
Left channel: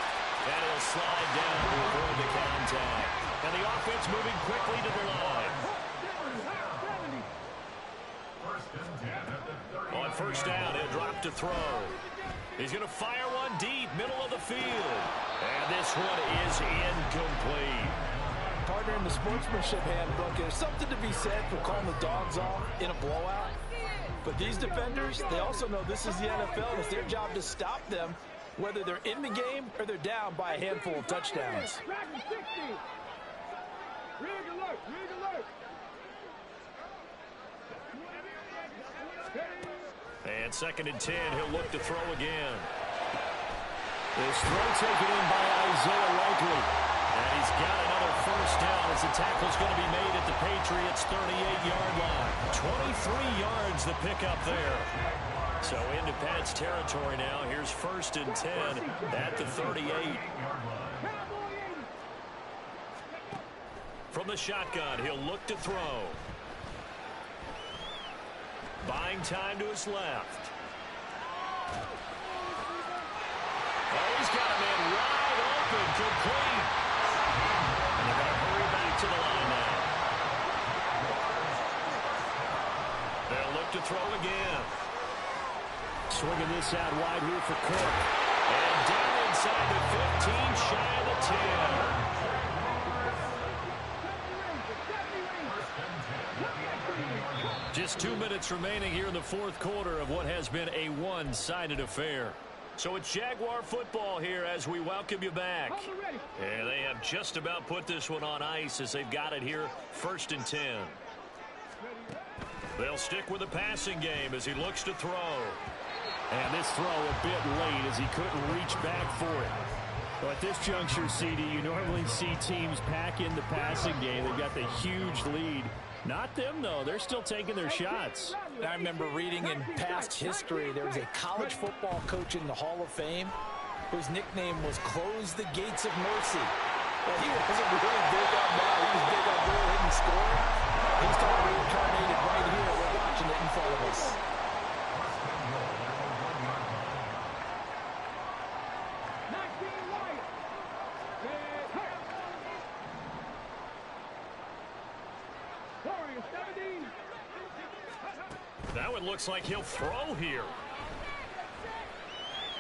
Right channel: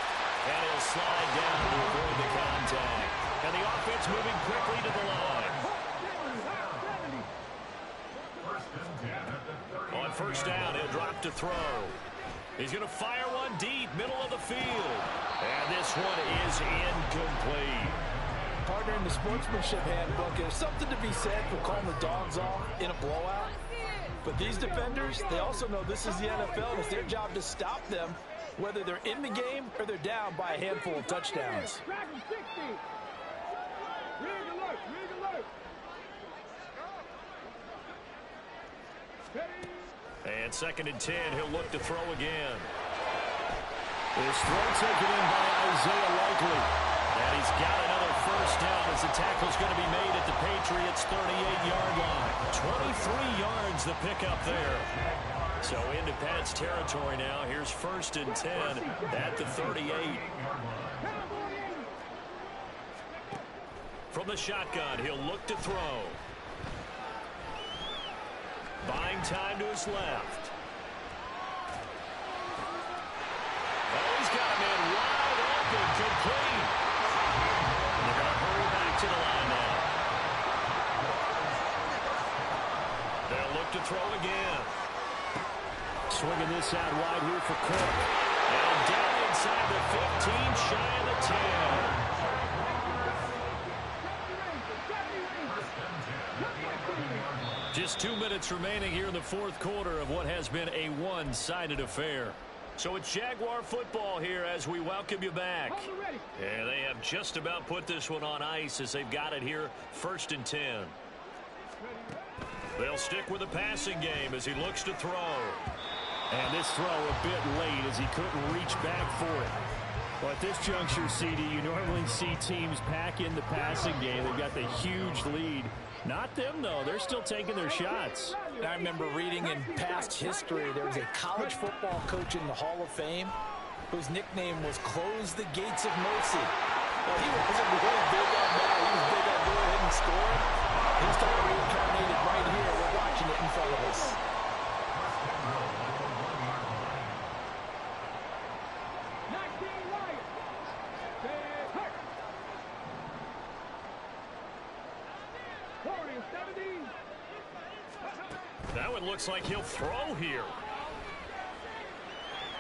And he'll slide down to avoid the contact. And the offense moving quickly to the line. On first down, he'll drop to throw. He's going to fire one deep, middle of the field. And this one is incomplete. Partner, in the sportsmanship handbook, there's something to be said for calling the dogs off in a blowout. But these defenders, they also know this is the NFL, and it's their job to stop them, whether they're in the game or they're down by a handful of touchdowns. And 2nd and 10, he'll look to throw again. This throw taken in by Isaiah Likely. And he's got another first down as the tackle's going to be made at the Patriots' 38-yard line. 23 yards the pickup there. So into Pat's territory now. Here's 1st and 10 at the 38. From the shotgun, he'll look to throw. Buying time to his left. Oh, he's got a man wide open, complete. And they're going to hurry back to the line now. They'll look to throw again. Swinging this out wide here for Cook. And down inside the 15, shy of the 10. Just 2 minutes remaining here in the 4th quarter of what has been a one-sided affair. So it's Jaguar football here as we welcome you back. And they have just about put this one on ice as they've got it here, 1st and 10. They'll stick with the passing game as he looks to throw. And this throw a bit late as he couldn't reach back for it. Well, at this juncture, CD, you normally see teams pack in the passing game. They've got the huge lead. Not them, though. They're still taking their shots. I remember reading in past history, there was a college football coach in the Hall of Fame whose nickname was Close the Gates of Mercy. Well, he wasn't really big on that. He was big on going ahead and scoring. He's kind of reincarnated right here. We're watching it in front of us. That one looks like he'll throw here.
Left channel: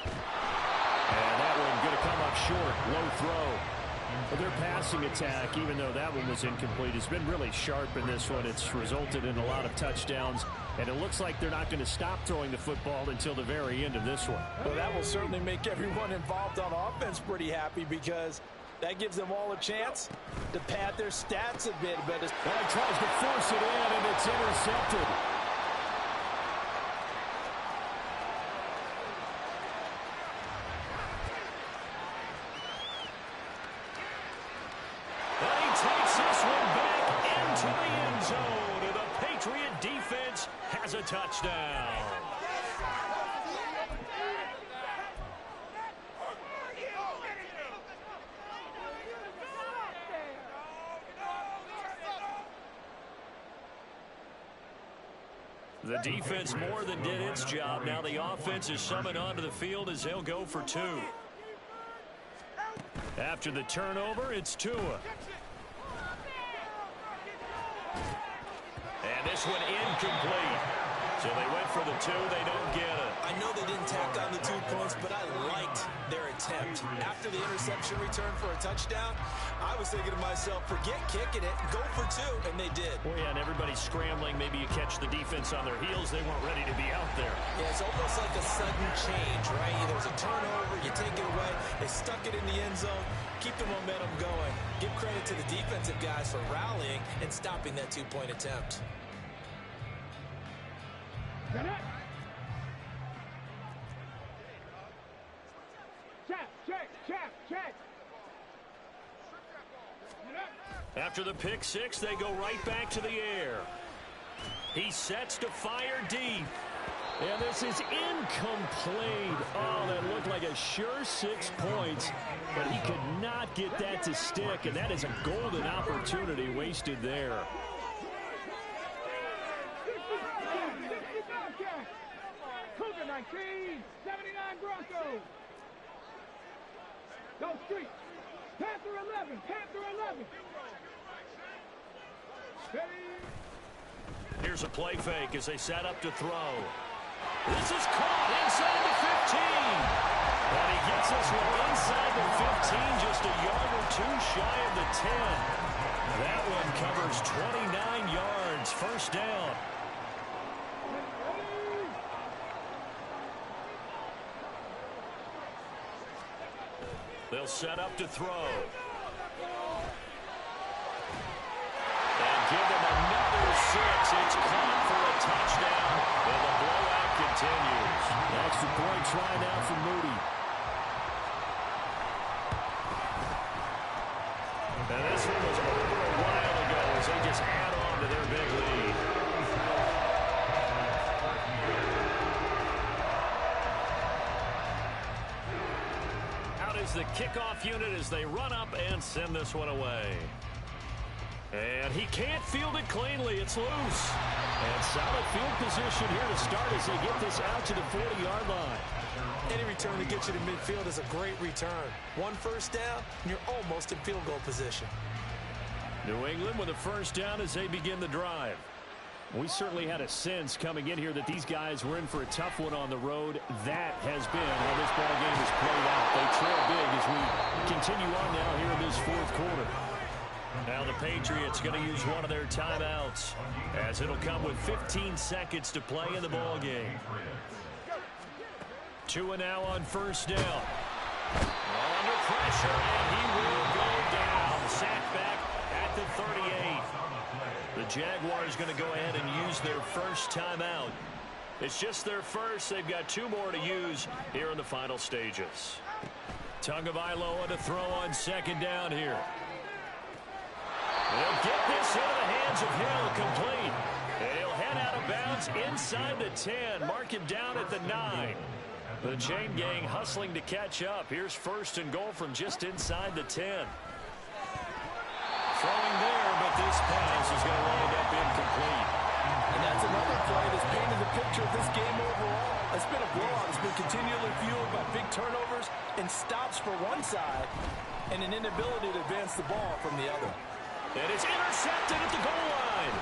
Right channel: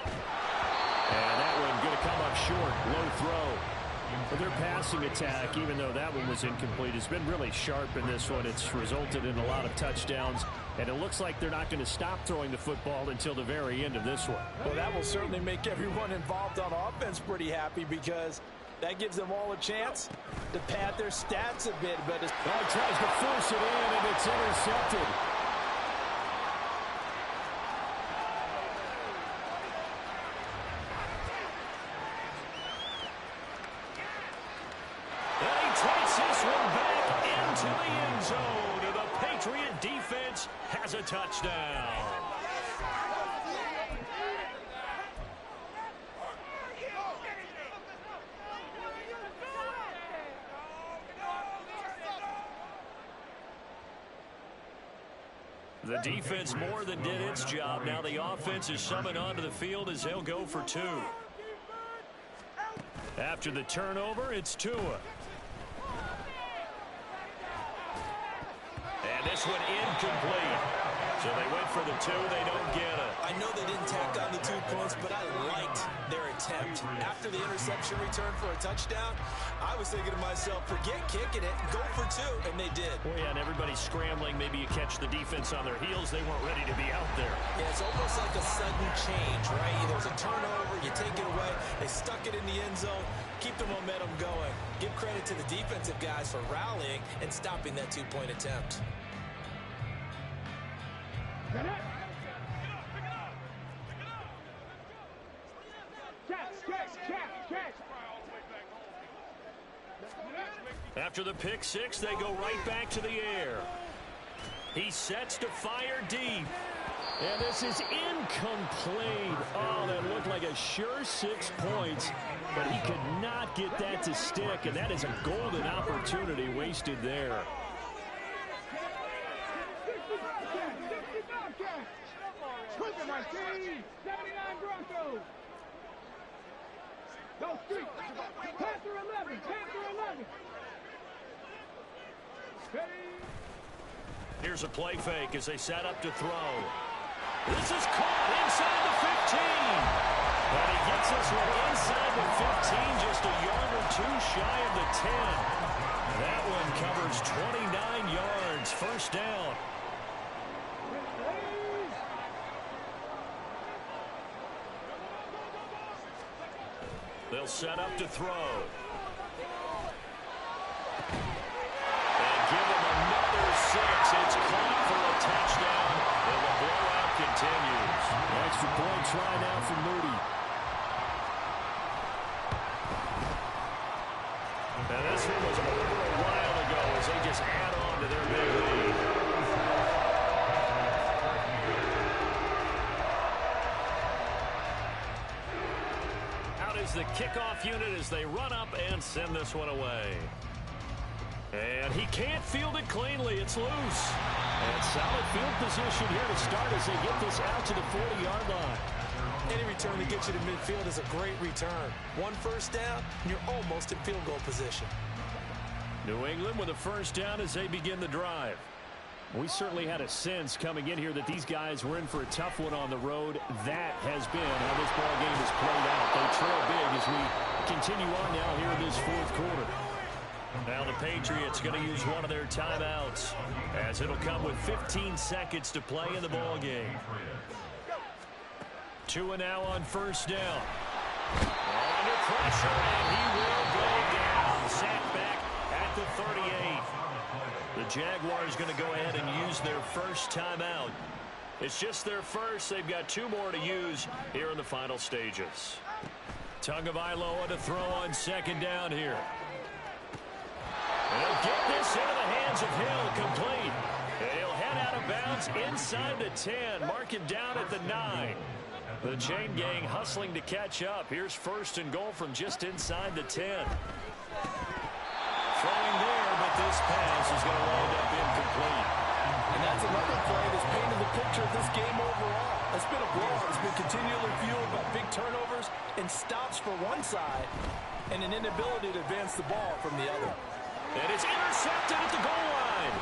And that one going to come up short. Low throw. But their passing attack, even though that one was incomplete, has been really sharp in this one. It's resulted in a lot of touchdowns. And it looks like they're not going to stop throwing the football until the very end of this one. Well, that will certainly make everyone involved on offense pretty happy because that gives them all a chance to pad their stats a bit. But he tries to force it in, and it's intercepted. And he takes this one back into the end zone. And the Patriot defense has a touchdown. The defense more than did its job. Now the offense is summoned onto the field as they'll go for 2. After the turnover, it's Tua. And this one incomplete. So they went for the 2. They don't get it. I know they didn't tack on the 2 points, but I liked their attempt. After the interception return for a touchdown, I was thinking to myself, forget kicking it, go for 2, and they did. Well, yeah, and everybody's scrambling. Maybe you catch the defense on their heels. They weren't ready to be out there. Yeah, it's almost like a sudden change, right? There's a turnover, you take it away, they stuck it in the end zone, keep the momentum going. Give credit to the defensive guys for rallying and stopping that 2-point attempt. After the pick 6, they go right back to the air. He sets to fire deep. And this is incomplete. Oh, that looked like a sure 6 points, but he could not get that to stick, and that is a golden opportunity wasted there. Cougar 19, 79 Broncos. Go Street. Panther 11, Panther 11. Ready. Here's a play fake as they set up to throw. This is caught inside the 15. And he gets this one inside the 15, just a yard or two shy of the 10. That one covers 29 yards, first down. They'll set up to throw. And give them another 6. It's caught for a touchdown, and the blowout continues. Extra point try now for Moody. And this one was over a while ago as they just add on to their big lead. Out is the kickoff unit as they run up and send this one away. And he can't field it cleanly. It's loose. And solid field position here to start as they get this out to the 40-yard line. Any return that gets you to midfield is a great return. One first down, and you're almost in field goal position. New England with a first down as they begin the drive. We certainly had a sense coming in here that these guys were in for a tough one on the road. That has been how this ball game has played out. They trail big as we continue on now here in this fourth quarter. Now the Patriots going to use one of their timeouts as it'll come with 15 seconds to play in the ball game. Tua now on first down. Under pressure, and he will go down. Sacked back at the 38. The Jaguars going to go ahead and use their first timeout. It's just their first. They've got 2 more to use here in the final stages. Tagovailoa to throw on second down here. They'll get this into the hands of Hill, complete. He'll head out of bounds inside the 10. Mark him down at the 9. The chain gang hustling to catch up. Here's first and goal from just inside the 10. Throwing there, but this pass is going to wind up incomplete. And that's another play that's painted the picture of this game overall. It's been a blowout. It's been continually fueled by big turnovers and stops for one side and an inability to advance the ball from the other. And it's intercepted at the goal line.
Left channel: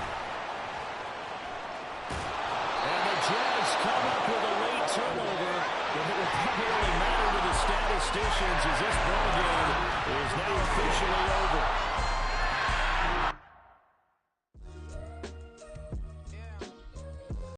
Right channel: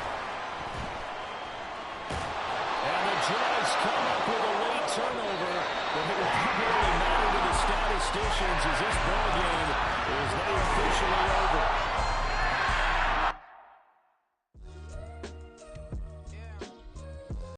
And the Jags come up with a late turnover, but it will probably matter to the statisticians as this ball game is now officially